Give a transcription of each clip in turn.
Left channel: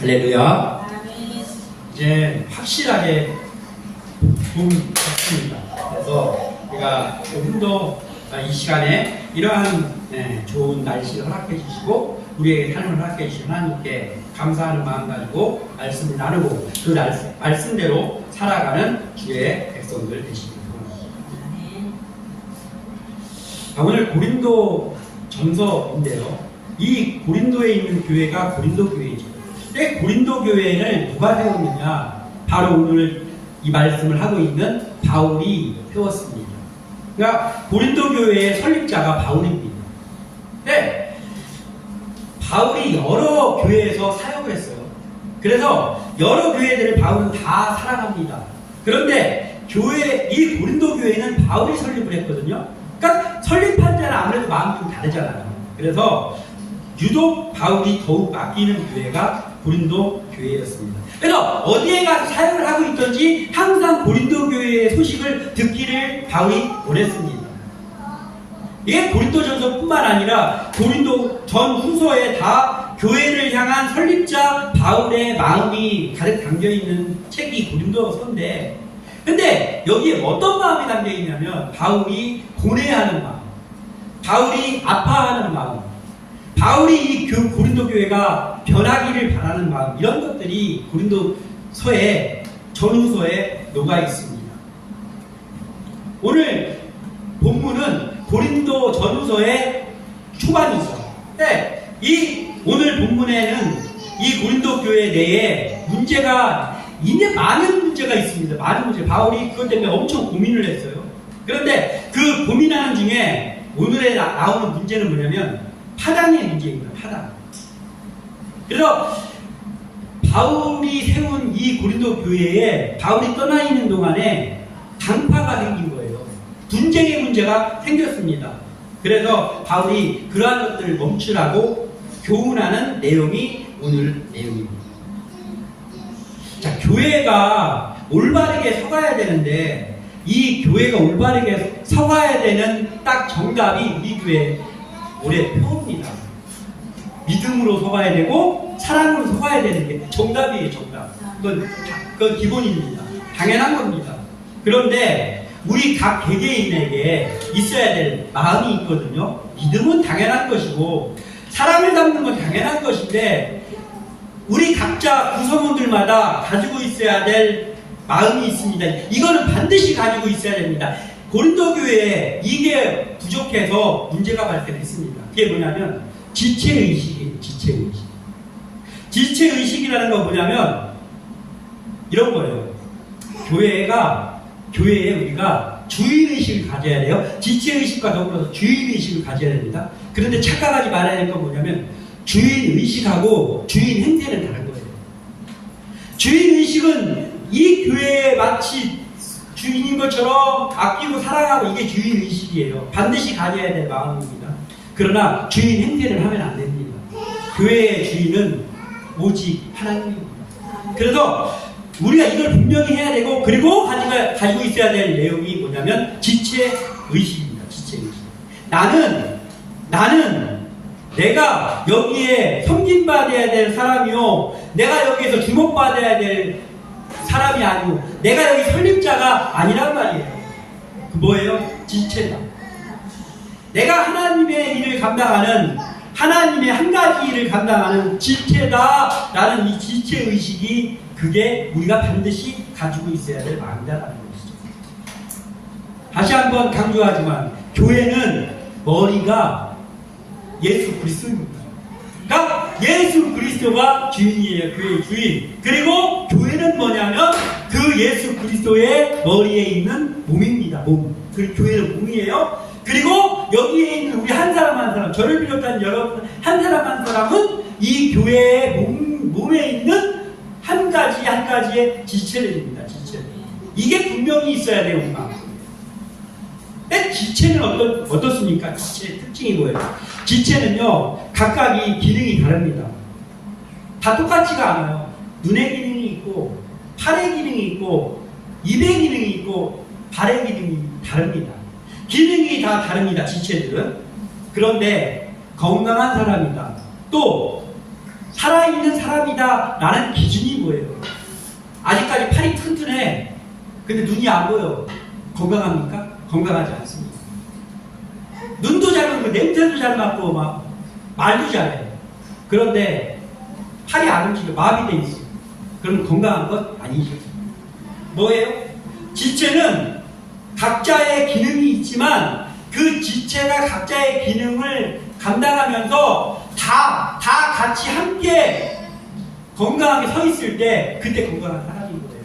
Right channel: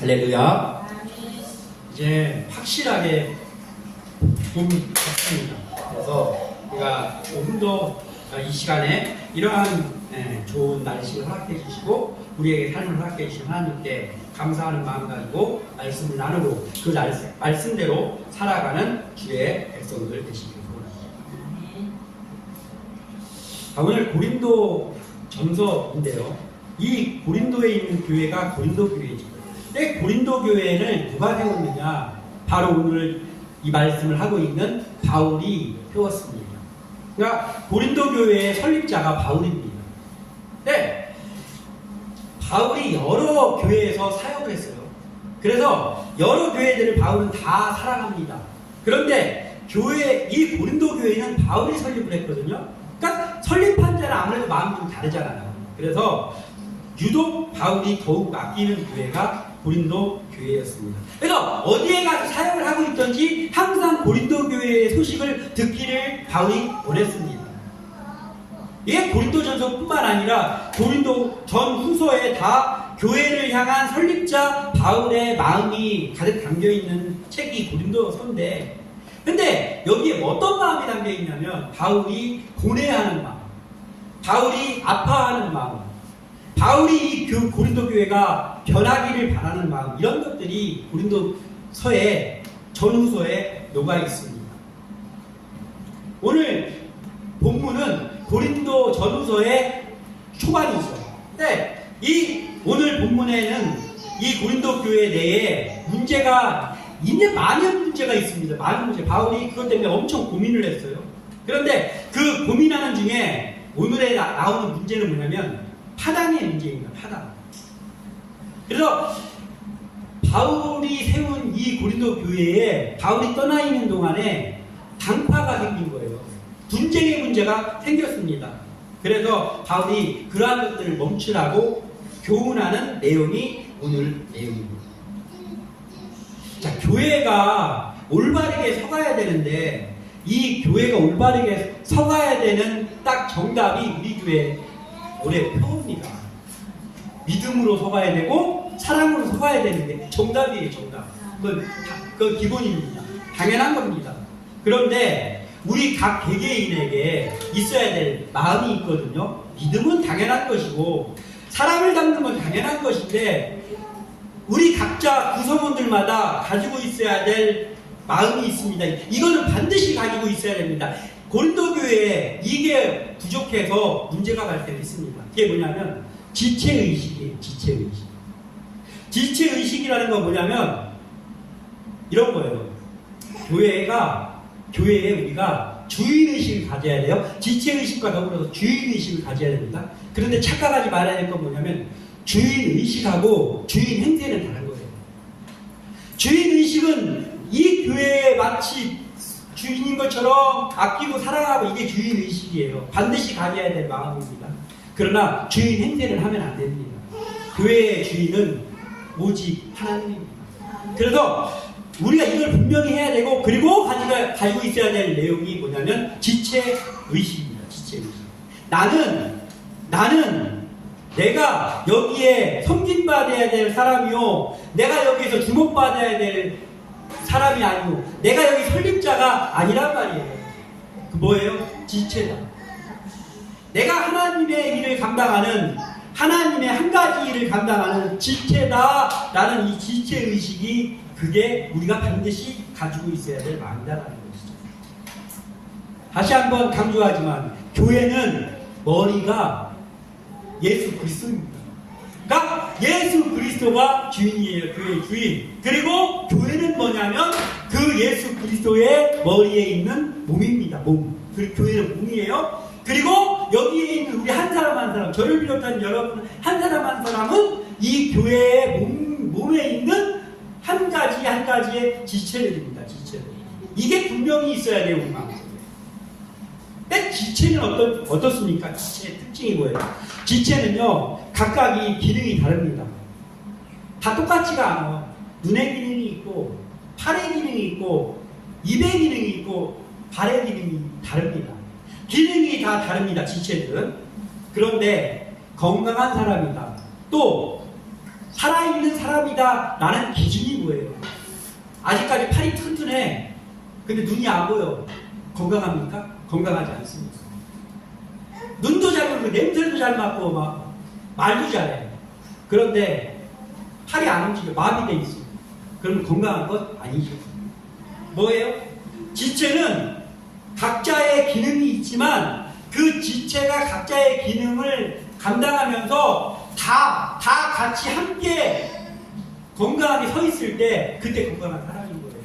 할렐루야. 이제 확실하게 봄 같습니다. 그래서 우리가 조금 더 이 시간에 이러한 좋은 날씨를 허락해 주시고 우리에게 삶을 허락해 주신 하나님께 감사하는 마음 가지고 말씀을 나누고 그 말씀대로 살아가는 주의 백성들 되시기 바랍니다. 오늘 고린도 전서인데요. 이 고린도에 있는 교회가 고린도 교회이죠. 근데 고린도 교회를 누가 세웠느냐? 바로 오늘 이 말씀을 하고 있는 바울이 세웠습니다. 그러니까 고린도 교회의 설립자가 바울입니다. 근데 바울이 여러 교회에서 사역을 했어요. 그래서 여러 교회들을 바울은 다 살아갑니다. 그런데 이 고린도 교회는 바울이 설립을 했거든요. 그러니까 설립한 자는 아무래도 마음이 좀 다르잖아요. 그래서 유독 바울이 더욱 아끼는 교회가 고린도 교회였습니다. 그래서 어디에 가서 사역을 하고 있든지 항상 고린도 교회의 소식을 듣기를 바울이 원했습니다. 이게 고린도전서뿐만 아니라 고린도 전후서에 다 교회를 향한 설립자 바울의 마음이 가득 담겨있는 책이 고린도서인데, 근데 여기에 어떤 마음이 담겨있냐면 바울이 고뇌하는 마음, 바울이 아파하는 마음, 바울이 이 고린도 교회가 변하기를 바라는 마음, 이런 것들이 고린도서의 전후서에 녹아 있습니다. 오늘 본문은 고린도 전후서의 초반이죠. 네, 오늘 본문에는 이 고린도 교회 내에 이제 많은 문제가 있습니다. 많은 문제. 바울이 그것 때문에 엄청 고민을 했어요. 그런데 그 고민하는 중에 오늘에 나오는 문제는 뭐냐면 파당의 문제입니다. 파당. 그래서 바울이 세운 이 고린도 교회에 바울이 떠나 있는 동안에 당파가 생긴 거예요. 분쟁의 문제가 생겼습니다. 그래서 바울이 그러한 것들을 멈추라고 교훈하는 내용이 오늘 내용입니다. 자, 교회가 올바르게 서가야 되는데 이 교회가 올바르게 서가야 되는 딱 정답이 우리 교회 올해 표입니다. 믿음으로 서가야 되고 사랑으로 서가야 되는데 정답이에요. 정답. 그건 기본입니다. 당연한 겁니다. 그런데 우리 각 개개인에게 있어야 될 마음이 있거든요. 믿음은 당연한 것이고 사랑을 담는 건 당연한 것인데 우리 각자 구성원들마다 가지고 있어야 될 마음이 있습니다. 이거는 반드시 가지고 있어야 됩니다. 고린도 교회에 이게 부족해서 문제가 발생했습니다. 그게 뭐냐면 지체의식이에요. 지체의식. 지체의식이라는 건 뭐냐면 이런 거예요. 교회에 우리가 주인의식을 가져야 돼요. 지체의식과 더불어서 주인의식을 가져야 됩니다. 그런데 착각하지 말아야 될 건 뭐냐면 주인의식하고 주인 행태는 다른 거예요. 주인의식은 이 교회에 마치 주인인 것처럼 아끼고 사랑하고 이게 주인의식이에요. 반드시 가져야 될 마음입니다. 그러나 주인 행태를 하면 안 됩니다. 교회의 주인은 오직 하나님입니다. 그래서 우리가 이걸 분명히 해야 되고 그리고 가지고 있어야 될 내용이 뭐냐면 지체의식입니다. 지체의식. 나는 내가 여기에 섬김받아야 될 사람이요, 내가 여기에서 주목받아야 될 사람이 아니고 내가 여기 설립자가 아니란 말이에요. 그 뭐예요? 지체다. 내가 하나님의 일을 감당하는, 하나님의 한 가지 일을 감당하는 지체다 라는 이 지체의식이 그게 우리가 반드시 가지고 있어야 될 마음이다라는 것이죠. 다시 한번 강조하지만 교회는 머리가 예수 그리스도입니다. 그러니까 예수 그리스도가 주인이에요. 교회의 주인. 그리고 교회는 뭐냐면 그 예수 그리스도의 머리에 있는 몸입니다. 몸. 그 교회는 몸이에요. 그리고 여기에 있는 우리 한 사람 한 사람, 저를 비롯한 여러분 한 사람 한 사람은 이 교회의 몸에 있는 한 가지의 지체들입니다. 지체. 이게 분명히 있어야 돼요. 우리 마음속에. 지체는 어떻습니까? 지체의 특징이 뭐예요? 지체는요, 각각이 기능이 다릅니다. 다 똑같지가 않아요. 눈의 기능이 있고, 팔의 기능이 있고, 입의 기능이 있고, 발의 기능이 다릅니다. 기능이 다 다릅니다. 지체들은. 그런데 건강한 사람이다. 또 살아있는 사람이다 라는 기준이 뭐예요? 아직까지 팔이 튼튼해. 근데 눈이 안 보여. 건강합니까? 건강하지 않습니다. 눈도 잘 보고 냄새도 잘 맡고 막 말도 잘해. 그런데 팔이 안 움직여. 마비돼 있어. 그럼 건강한 것 아니죠. 뭐예요? 지체는 각자의 기능이 있지만 그 지체가 각자의 기능을 감당하면서 다 같이 함께 건강하게 서 있을 때 그때 건강한 사람인 거예요.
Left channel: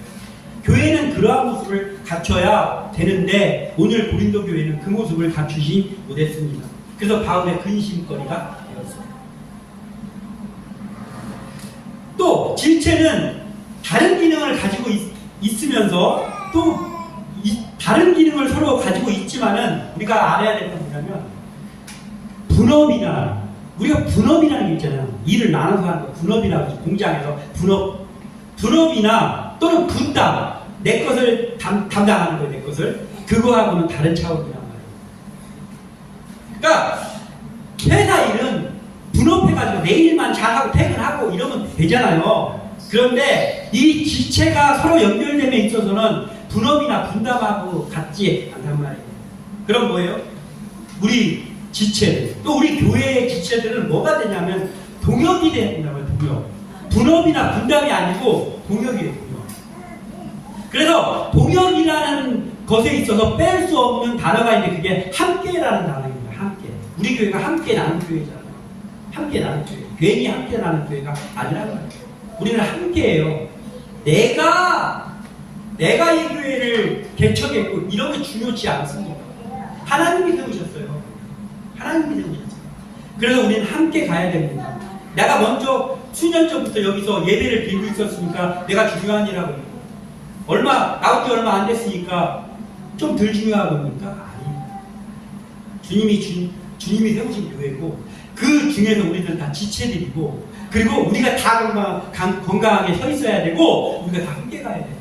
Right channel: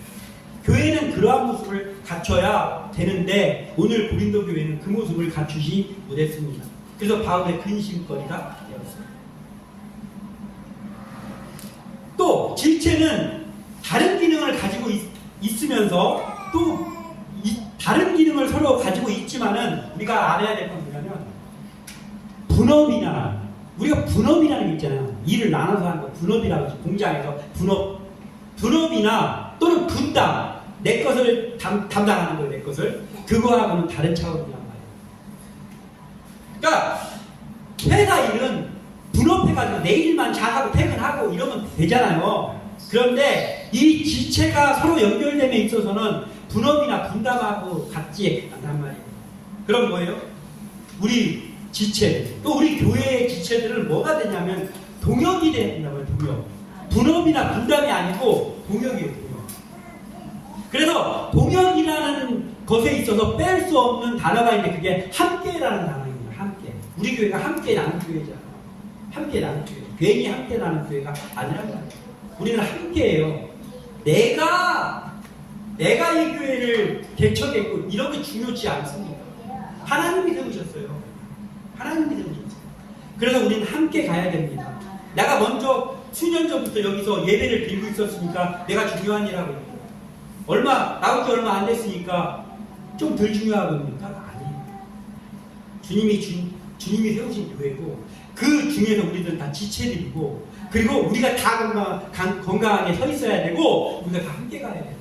교회는 그러한 모습을 갖춰야 되는데 오늘 고린도 교회는 그 모습을 갖추지 못했습니다. 그래서 바울의 근심거리가 되었습니다. 또 지체는 다른 기능을 가지고 있으면서 또 다른 기능을 서로 가지고 있지만은 우리가 알아야 될 건 뭐냐면 분업이나 우리가 분업이라는 게 있잖아요. 일을 나눠서 하는 거 분업이라고 하죠. 공장에서 분업이나 또는 분담 내 것을 담당하는 거예요. 내 것을 그거하고는 다른 차원이란 말이에요. 그러니까 회사 일은 분업해가지고 내 일만 잘하고 퇴근하고 이러면 되잖아요. 그런데 이 지체가 서로 연결됨에 있어서는 분업이나 분담하고 같지 않단 말이에요. 그럼 뭐예요? 우리 지체들, 또 우리 교회의 지체들은 뭐가 되냐면 동역이 된다고요. 동역. 분업이나 분담이 아니고 동역이에요. 동역. 그래서 동역이라는 것에 있어서 뺄 수 없는 단어가 있는데 그게 함께라는 단어입니다. 함께. 우리 교회가 함께 나는 교회잖아요. 함께 나는 교회. 괜히 함께 나는 교회가 아니라는 거예요. 우리는 함께해요. 내가 이 교회를 개척했고 이런 게 중요치 않습니다. 하나님이 세우셨어요. 하나님이 세우셨어요. 그래서 우리는 함께 가야 됩니다. 내가 먼저 수년 전부터 여기서 예배를 드리고 있었으니까 내가 중요한 일하고 나온 지 얼마 안 됐으니까 좀 덜 중요하겁니까? 아니에요. 주님이 세우신 교회고 그 중에서 우리들은 다 지체들이고 그리고 우리가 다 건강하게 서 있어야 되고 우리가 다 함께 가야 돼요.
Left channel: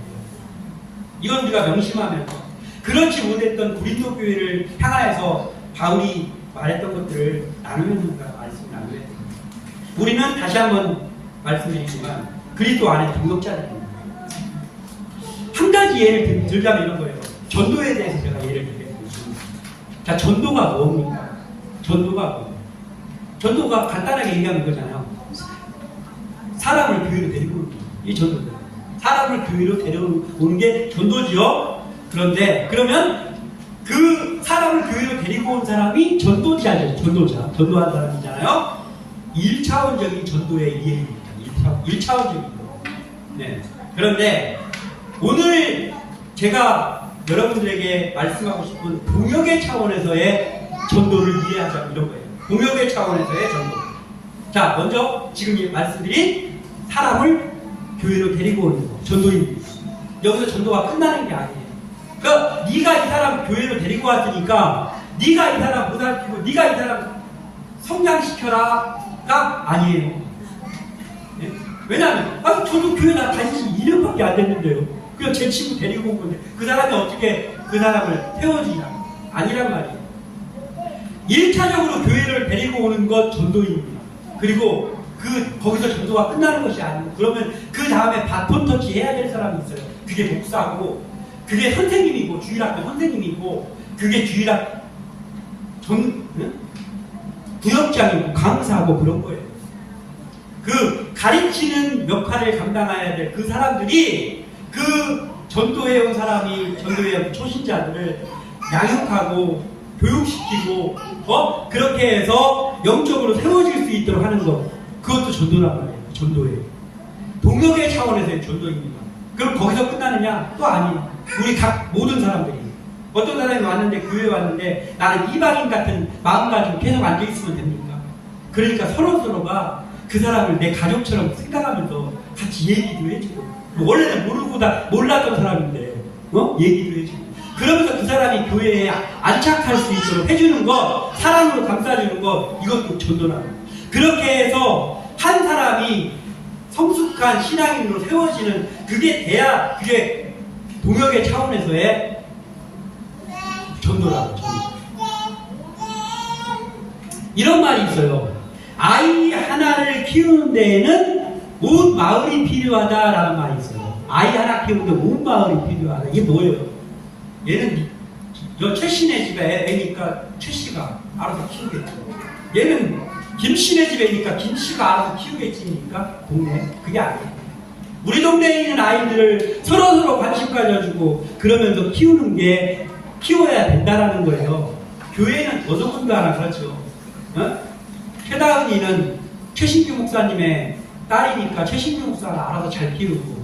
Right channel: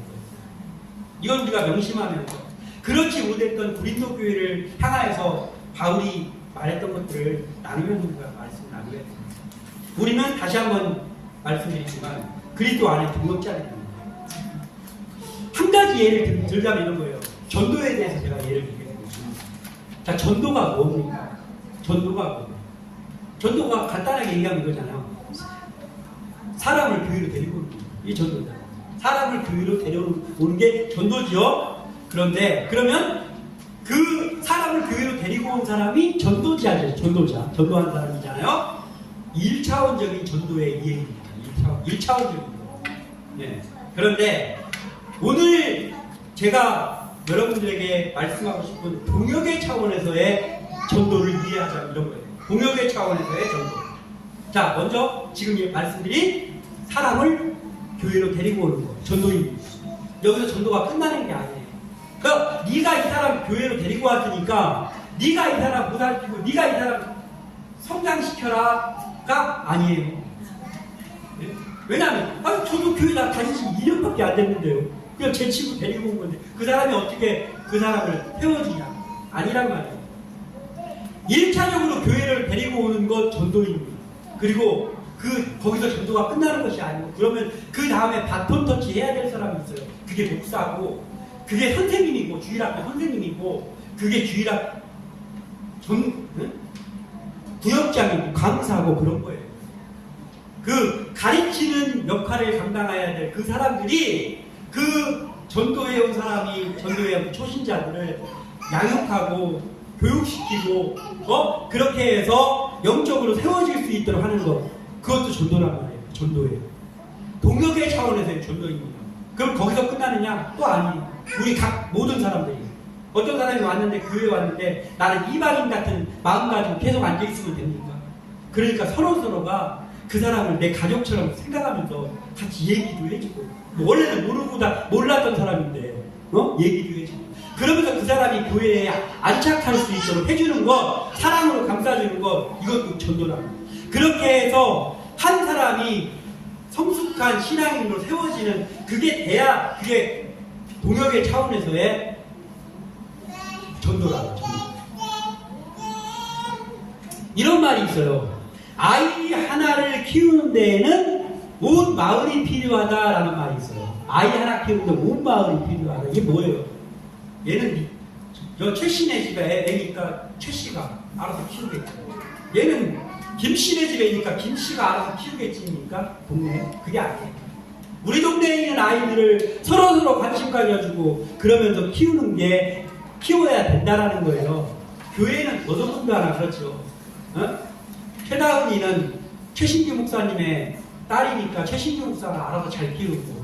이건 우리가 명심하면서 그렇지 못했던 고린도 교회를 향하여서 바울이 말했던 것들을 나누면서 말씀을 나누어야 됩니다. 우리는 다시 한번 말씀드리지만 그리스도 안에 동역자들입니다. 한 가지 예를 들자면 이런 거예요. 전도에 대해서 제가 예를 들겠습니다. 자, 전도가 뭡니까? 전도가 간단하게 얘기하는 거잖아요. 사람을 교회로 데리고 오는 거예요. 이 전도다. 사람을 교회로 데려오는 게 전도지요. 그런데 그러면 그 사람을 교회로 데리고 온 사람이 전도자죠. 전도한 사람이잖아요. 1차원적인 전도의 이해입니다. 1차원적인 거. 네. 그런데 오늘 제가 여러분들에게 말씀하고 싶은 동역의 차원에서의 전도를 이해하자면 이런 거예요. 동역의 차원에서의 전도. 자, 먼저 지금 말씀드린 사람을 교회로 데리고 오는 거, 전도입니다. 여기서 전도가 끝나는 게 아니에요. 그러니까 네가 이 사람 교회로 데리고 왔으니까 네가 이 사람 보살피고 네가 이 사람 성장시켜라가 아니에요. 예? 왜냐하면 저도 교회 나 다닌 지 2년밖에 안 됐는데요. 그냥 제 친구 데리고 온 건데 그 사람이 어떻게 그 사람을 태워주냐? 아니란 말이에요. 1차적으로 교회를 데리고 오는 것 전도입니다. 그리고 거기서 전도가 끝나는 것이 아니고 그러면 그 다음에 바톤 터치 해야 될 사람이 있어요. 그게 목사고 그게 선생님이고 주일학교 선생님이고 그게 주일학 부역장이고 강사고 그런 거예요. 그 가르치는 역할을 감당해야 될 그 사람들이 그 전도해온 전도해온 초신자들을 양육하고 교육시키고 그렇게 해서 영적으로 세워질 수 있도록 하는 거 그것도 전도란 말이에요. 전도예요. 동역의 차원에서의 전도입니다. 그럼 거기서 끝나느냐? 또 아니에요. 우리 모든 사람들이 어떤 사람이 왔는데 교회에 왔는데 나는 이방인 같은 마음 가지고 계속 앉아있으면 됩니까? 그러니까 서로가 그 사람을 내 가족처럼 생각하면서 같이 얘기도 해주고 원래는 몰랐던 사람인데 얘기도 해주고 그러면서 그 사람이 교회에 안착할 수 있도록 해주는 것, 사랑으로 감싸주는 것, 이것도 전도라는 거예요. 그렇게 해서 한 사람이 성숙한 신앙인으로 세워지는 그게 돼야 그게 동역의 차원에서의 전도라고. 이런 말이 있어요. 아이 하나를 키우는 데에는 온 마을이 필요하다라는 말이 있어요. 아이 하나 키우는데 온 마을이 필요하다. 이게 뭐예요? 얘는 최씨네 집에 애니까 최씨가 알아서 키우겠죠. 얘는 김씨네 집에 애니까 김씨가 알아서 키우겠지니까 동네. 그게 아니에요. 우리 동네에 있는 아이들을 서로서로 관심 가져주고 그러면서 키워야 된다라는 거예요. 교회는 더더군다나 그렇죠. 최다은이는 최신규 목사님의 딸이니까 최신규 목사가 알아서 잘 키우고,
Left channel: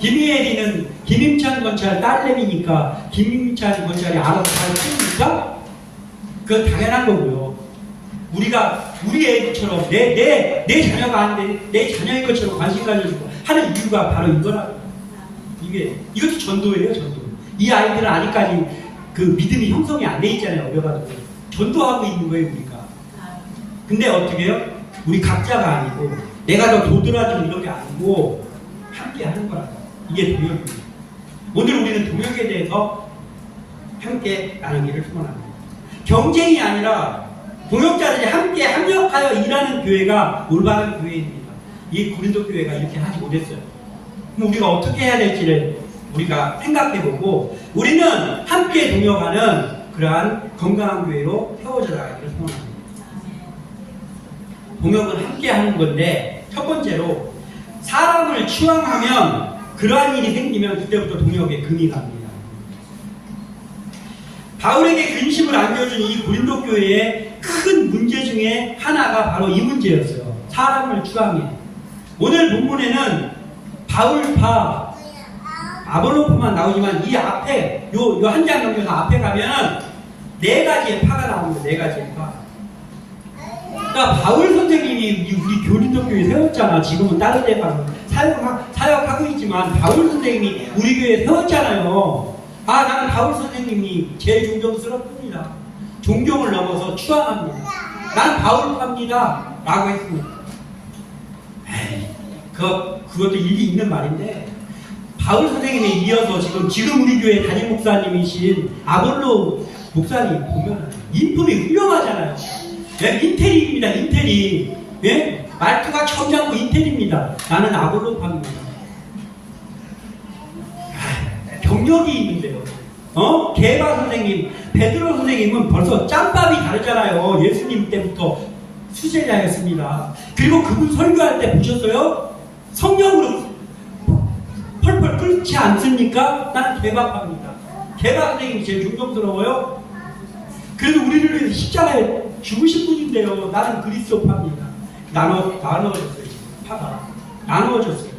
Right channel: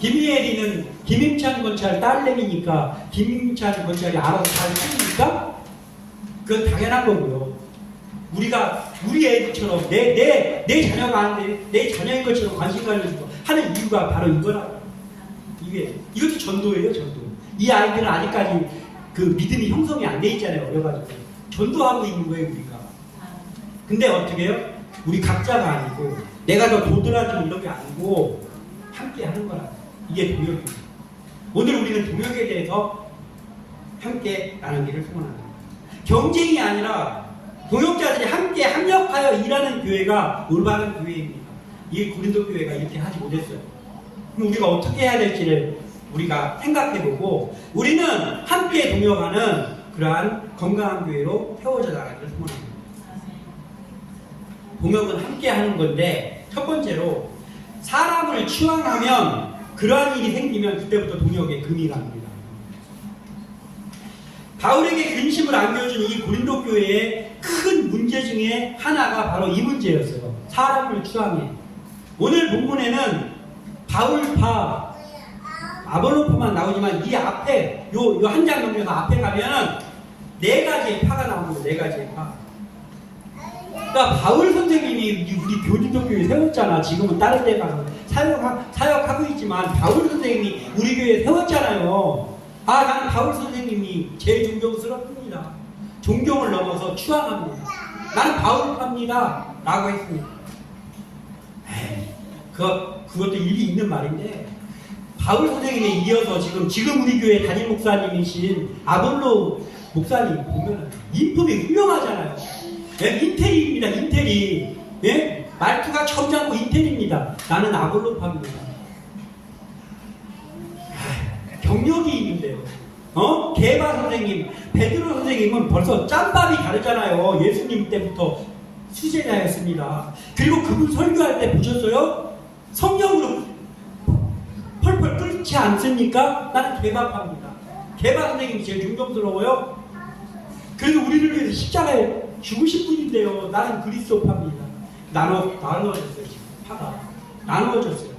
김희애리는 김임찬 건찰 딸내미니까 김임찬 건찰이 알아서 잘 키우니까 그건 당연한 거고요. 우리가 우리 애들처럼 내 자녀가 안 돼, 내 자녀인 것처럼 관심 가져주고 하는 이유가 바로 이거라. 이것도 전도예요, 전도. 이 아이들은 아직까지 그 믿음이 형성이 안 돼 있잖아요, 어려가지고. 전도하고 있는 거예요, 우리가. 근데 어떻게 해요? 우리 각자가 아니고, 내가 더 도드라지는 이런 게 아니고, 함께 하는 거라. 이게 동역입니다. 오늘 우리는 동역에 대해서 함께 나누기를 소원합니다. 경쟁이 아니라 동역자들이 함께 합력하여 일하는 교회가 올바른 교회입니다. 이 고린도 교회가 이렇게 하지 못했어요. 그럼 우리가 어떻게 해야 될지를 우리가 생각해보고 우리는 함께 동역하는 그러한 건강한 교회로 세워져 나가기를 소원합니다. 동역은 함께 하는 건데 첫 번째로 사람을 추앙하면 그러한 일이 생기면 그때부터 동역에 금이 갑니다. 바울에게 근심을 안겨준 이 고린도 교회의 큰 문제 중에 하나가 바로 이 문제였어요. 사람을 추앙해. 오늘 본문에는 바울파, 아볼로파만 나오지만 이 앞에 요 한 장 넘겨서 앞에 가면은 네 가지의 파가 나옵니다. 네 가지의 파. 그러니까 바울 선생님이 우리 고린도 교회 세웠잖아. 지금은 다른 데 가서 사역하고 있지만 바울 선생님이 우리 교회에 세웠잖아요. 나는 바울 선생님이 제일 존경스럽습니다. 존경을 넘어서 추앙합니다. 난 바울파입니다. 라고 했습니다. 그것도 일리 있는 말인데 바울 선생님에 이어서 지금 우리 교회 담임 목사님이신 아볼로 목사님 보면 인품이 훌륭하잖아요. 인텔입니다. 인텔이. 말투가 점잖고 인텔입니다. 나는 아볼로파입니다. 경력이 있는데요. 게바 선생님, 베드로 선생님은 벌써 짬밥이 다르잖아요. 예수님 때부터 수제자였습니다. 그리고 그분 설교할 때 보셨어요? 성령으로 펄펄 끓지 않습니까? 나는 게바파입니다. 게바 선생님이 제일 존경스러워요. 그래도 우리를 위해서 십자가에 죽으신 분인데요. 나는 그리스도파입니다. 나누어졌어요. 파가 나누어졌어요.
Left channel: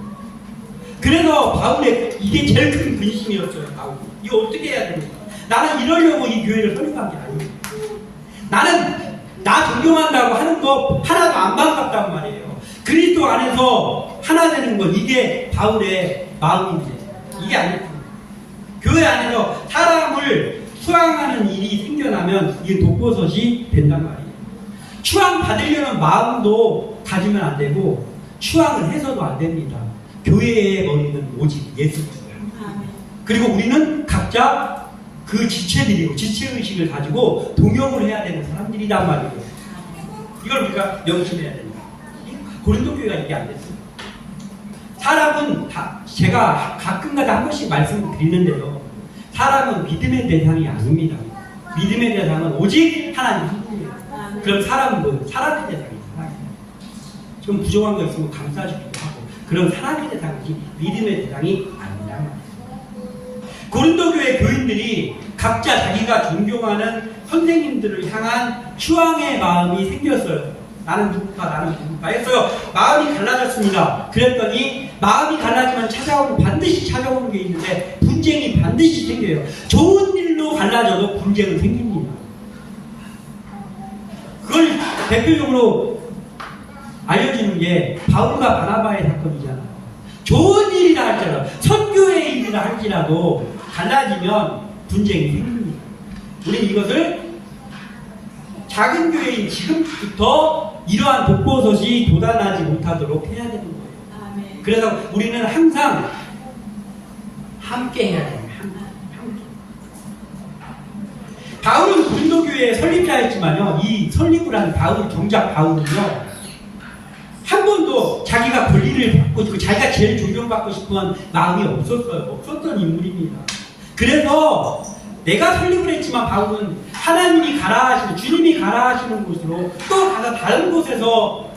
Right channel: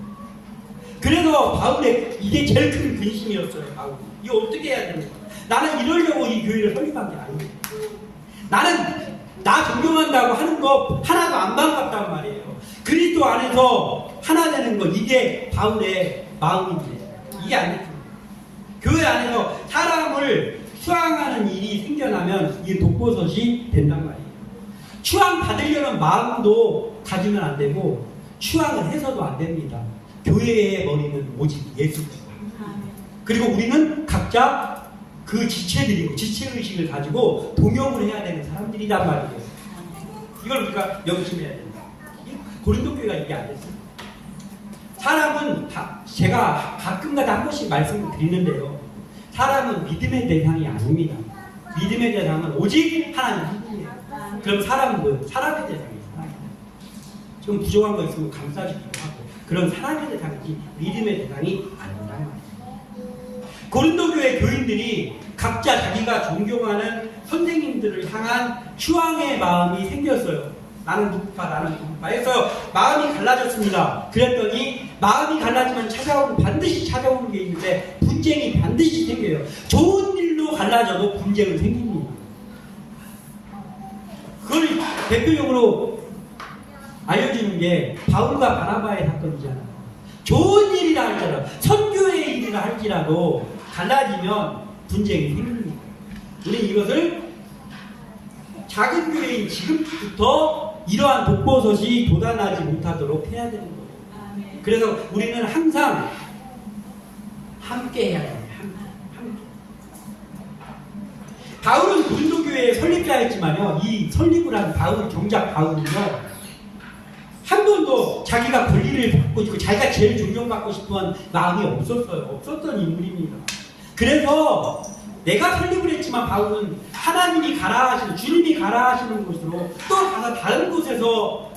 그래서 바울의 이게 제일 큰 근심이었어요. 바울. 이거 어떻게 해야 됩니까? 나는 이러려고 이 교회를 설립한 게 아닙니다. 나는 나 존경한다고 하는 거 하나도 안 반갑단 말이에요. 그리스도 안에서 하나 되는 거 이게 바울의 마음인데 이게 아닙니다. 교회 안에서 사람을 추앙하는 일이 생겨나면 이게 독버섯이 된단 말이에요. 추앙 받으려는 마음도 가지면 안 되고 추앙을 해서도 안 됩니다. 교회의 머리는 오직 예수입니다. 그리고 우리는 각자 그 지체들이고 지체의식을 가지고 동역을 해야 되는 사람들이란 말이에요. 이걸 우리가 명심해야 됩니다. 고린도 교회가 이게 안 됐어요. 사람은 제가 가끔가다 한 번씩 말씀을 드리는데요. 사람은 믿음의 대상이 아닙니다. 믿음의 대상은 오직 하나님뿐이에요. 그럼 사람은 뭐예요? 사람의 대상이에요. 좀 부정한 거 있으면 감싸주기도 하고 그럼 사람의 대상이지 믿음의 대상이 아니란 말이에요. 고린도 교회 교인들이 각자 자기가 존경하는 선생님들을 향한 추앙의 마음이 생겼어요. 나는 누구파, 나는 누구파 해서 마음이 갈라졌습니다. 그랬더니 마음이 갈라지면 반드시 찾아오는 게 있는데 분쟁이 반드시 생겨요. 좋은 일로 갈라져도 분쟁은 생깁니다. 그걸 대표적으로 알려주는 게 바울과 바나바의 사건이잖아요. 좋은 일이라 할지라도 선교의 일이라 할지라도 갈라지면 분쟁이 생깁니다. 우리는 이것을 작은 교회인 지금부터 이러한 독버섯이 돋아나지 못하도록 해야 되는 거예요. 그래서 우리는 항상 함께 해야 됩니다. 함께. 바울은 고린도 교회에 설립자 했지만요, 이 설립을 한 바울, 정작 바울은요, 한 번도 자기가 권리를 받고 싶고 자기가 제일 존경받고 싶은 마음이 없었던 인물입니다. 그래서 내가 설립을 했지만 바울은 하나님이 가라 하시는, 주님이 가라 하시는 곳으로 또 가서 다른 곳에서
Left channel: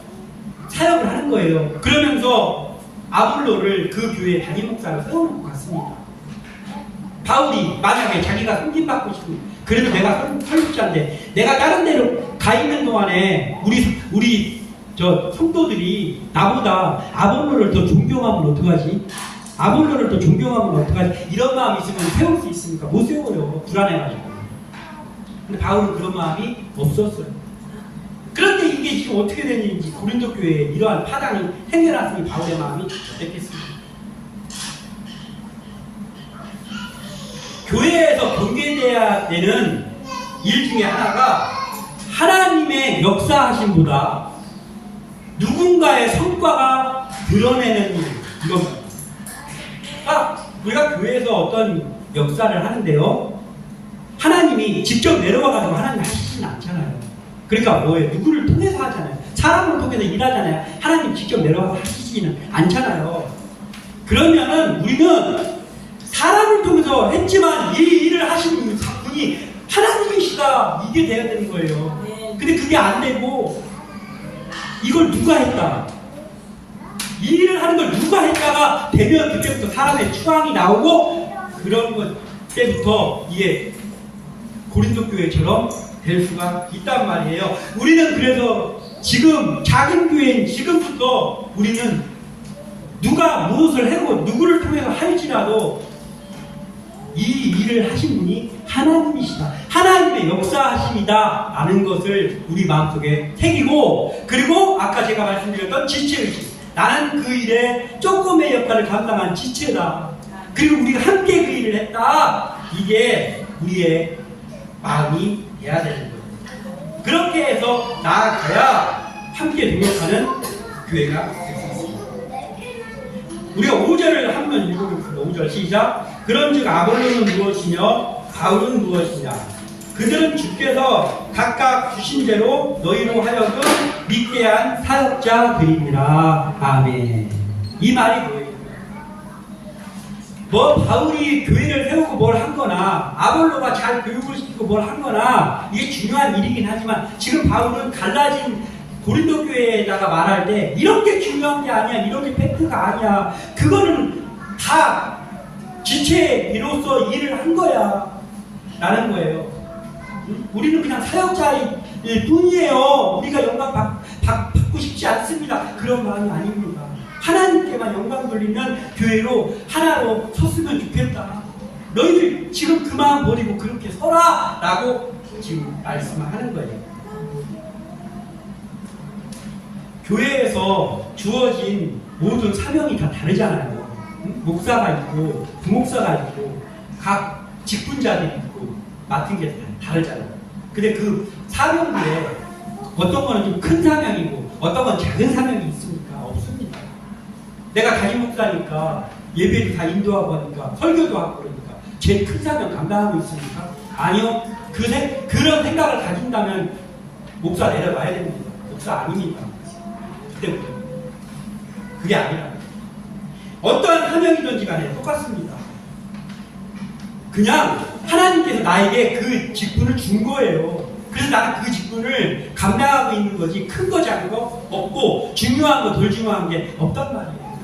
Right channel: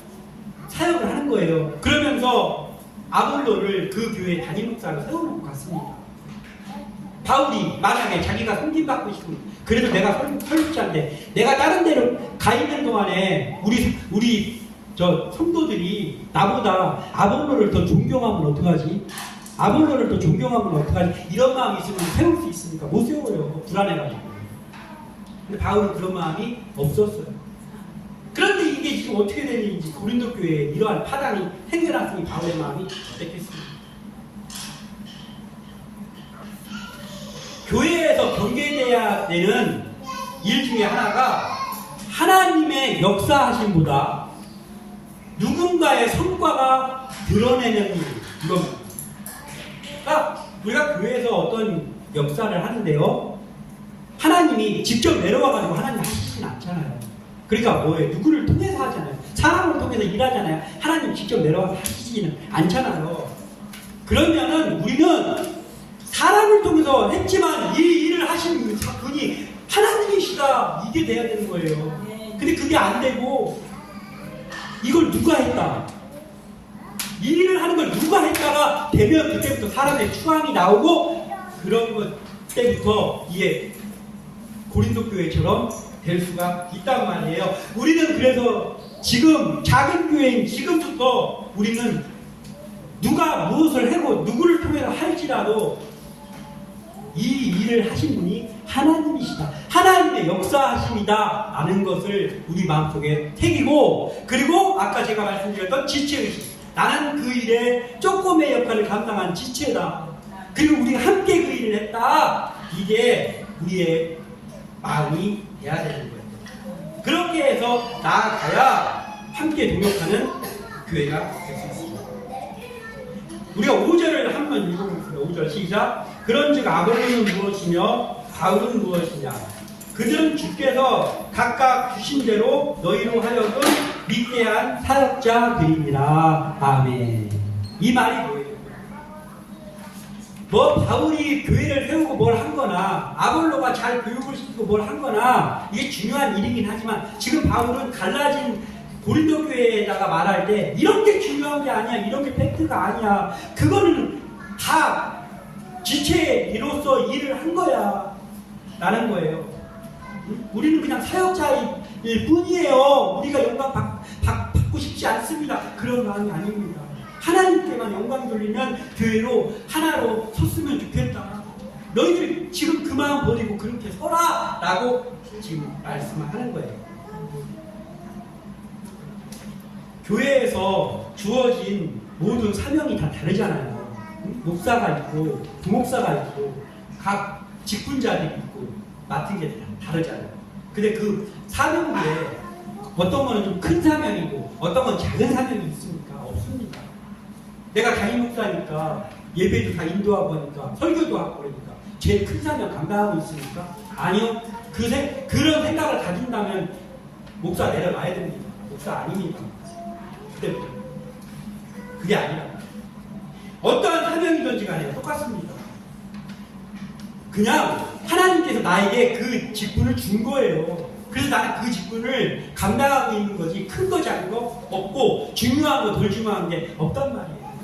사역을 하는 거예요. 그러면서 아볼로를 그 교회의 담임 목사로 세우는 것 같습니다. 바울이 만약에 자기가 섬김받고 싶으면, 그래도 내가 설립자인데 내가 다른 데로 가 있는 동안에 우리 저 성도들이 나보다 아볼로를 더 존경하면 어떡하지? 아볼로를 더 존경하면 어떡하지? 이런 마음이 있으면 세울 수 있습니까? 못 세워요. 불안해가지고. 근데 바울은 그런 마음이 없었어요. 그런데 이게 지금 어떻게 되는지 고린도 교회에 이러한 파장이 생겨났으니 바울의 마음이 어땠겠습니까? 교회에서 경계돼야 되는 일 중에 하나가 하나님의 역사하심보다 누군가의 성과가 드러내는 일, 이겁니다. 우리가 교회에서 어떤 역사를 하는데요, 하나님이 직접 내려와가지고 하나님 하시진 않잖아요. 그러니까 뭐예요? 누구를 통해서 하잖아요. 사람을 통해서 일하잖아요. 하나님 직접 내려와서 하시지는 않잖아요. 그러면은 우리는 사람을 통해서 했지만 이 일을 하신 분이 하나님이시다, 이게 돼야 되는 거예요. 근데 그게 안 되고 이걸 누가 했다, 이 일을 하는 걸 누가 했다가 되면 그때부터 사람의 추앙이 나오고, 그런 것 때부터 이게 고린도 교회처럼 될 수가 있단 말이에요. 우리는 그래서 지금 작은 교회인 지금부터 우리는 누가 무엇을 하고 누구를 통해서 할지라도 이 일을 하신 분이 하나님이시다, 하나님의 역사하심이다 라는 것을 우리 마음속에 새기고, 그리고 아까 제가 말씀드렸던 지체의식, 나는 그 일에 조금의 역할을 감당한 지체다, 그리고 우리가 함께 그 일을 했다, 이게 우리의 마음이 돼야 되는 거예요. 그렇게 해서 나아가야 함께 동역하는 교회가 될 수 있습니다. 우리가 5절을 한번 읽어보겠습니다. 5절 시작. 그런즉 아볼로는 무엇이며 바울은 무엇이냐? 그들은 주께서 각각 주신 대로 너희로 하여금 믿게 한 사역자들입니다. 아멘. 이 말이 뭐예요? 뭐 바울이 교회를 세우고 뭘 한거나 아볼로가 잘 교육을 시키고 뭘 한거나 이게 중요한 일이긴 하지만, 지금 바울은 갈라진 고린도 교회에다가 말할 때 이런 게 중요한 게 아니야, 이런 게 팩트가 아니야, 그거는 다 지체로서 일을 한 거야 라는 거예요. 우리는 그냥 사역자일 뿐이에요. 우리가 영광 받고 싶지 않습니다. 그런 마음이 아닙니다. 하나님께만 영광 돌리는 교회로 하나로 섰으면 좋겠다. 너희들 지금 그 마음 버리고 그렇게 서라 라고 지금 말씀하는 거예요. 교회에서 주어진 모든 사명이 다 다르잖아요. 목사가 있고 부목사가 있고 각 직분자들이 있고 맡은 게 다 다르잖아요. 근데 그 사명들에 어떤 거는 좀 큰 사명이고 어떤 건 작은 사명이 있습니까? 없습니다. 내가 담임 목사니까 예배를 다 인도하고 하니까 설교도 하고 그러니까 제일 큰 사명 감당하고 있습니까? 아니요. 그런 생각을 가진다면 목사 내려가야 됩니다. 목사 아닙니다. 그게 아니라 어떠한 사명이든지 간에 똑같습니다. 그냥 하나님께서 나에게 그 직분을 준 거예요. 그래서 나는 그 직분을 감당하고 있는 거지, 큰 거 작은 거 없고 중요한 거 덜 중요한 게 없단 말이에요.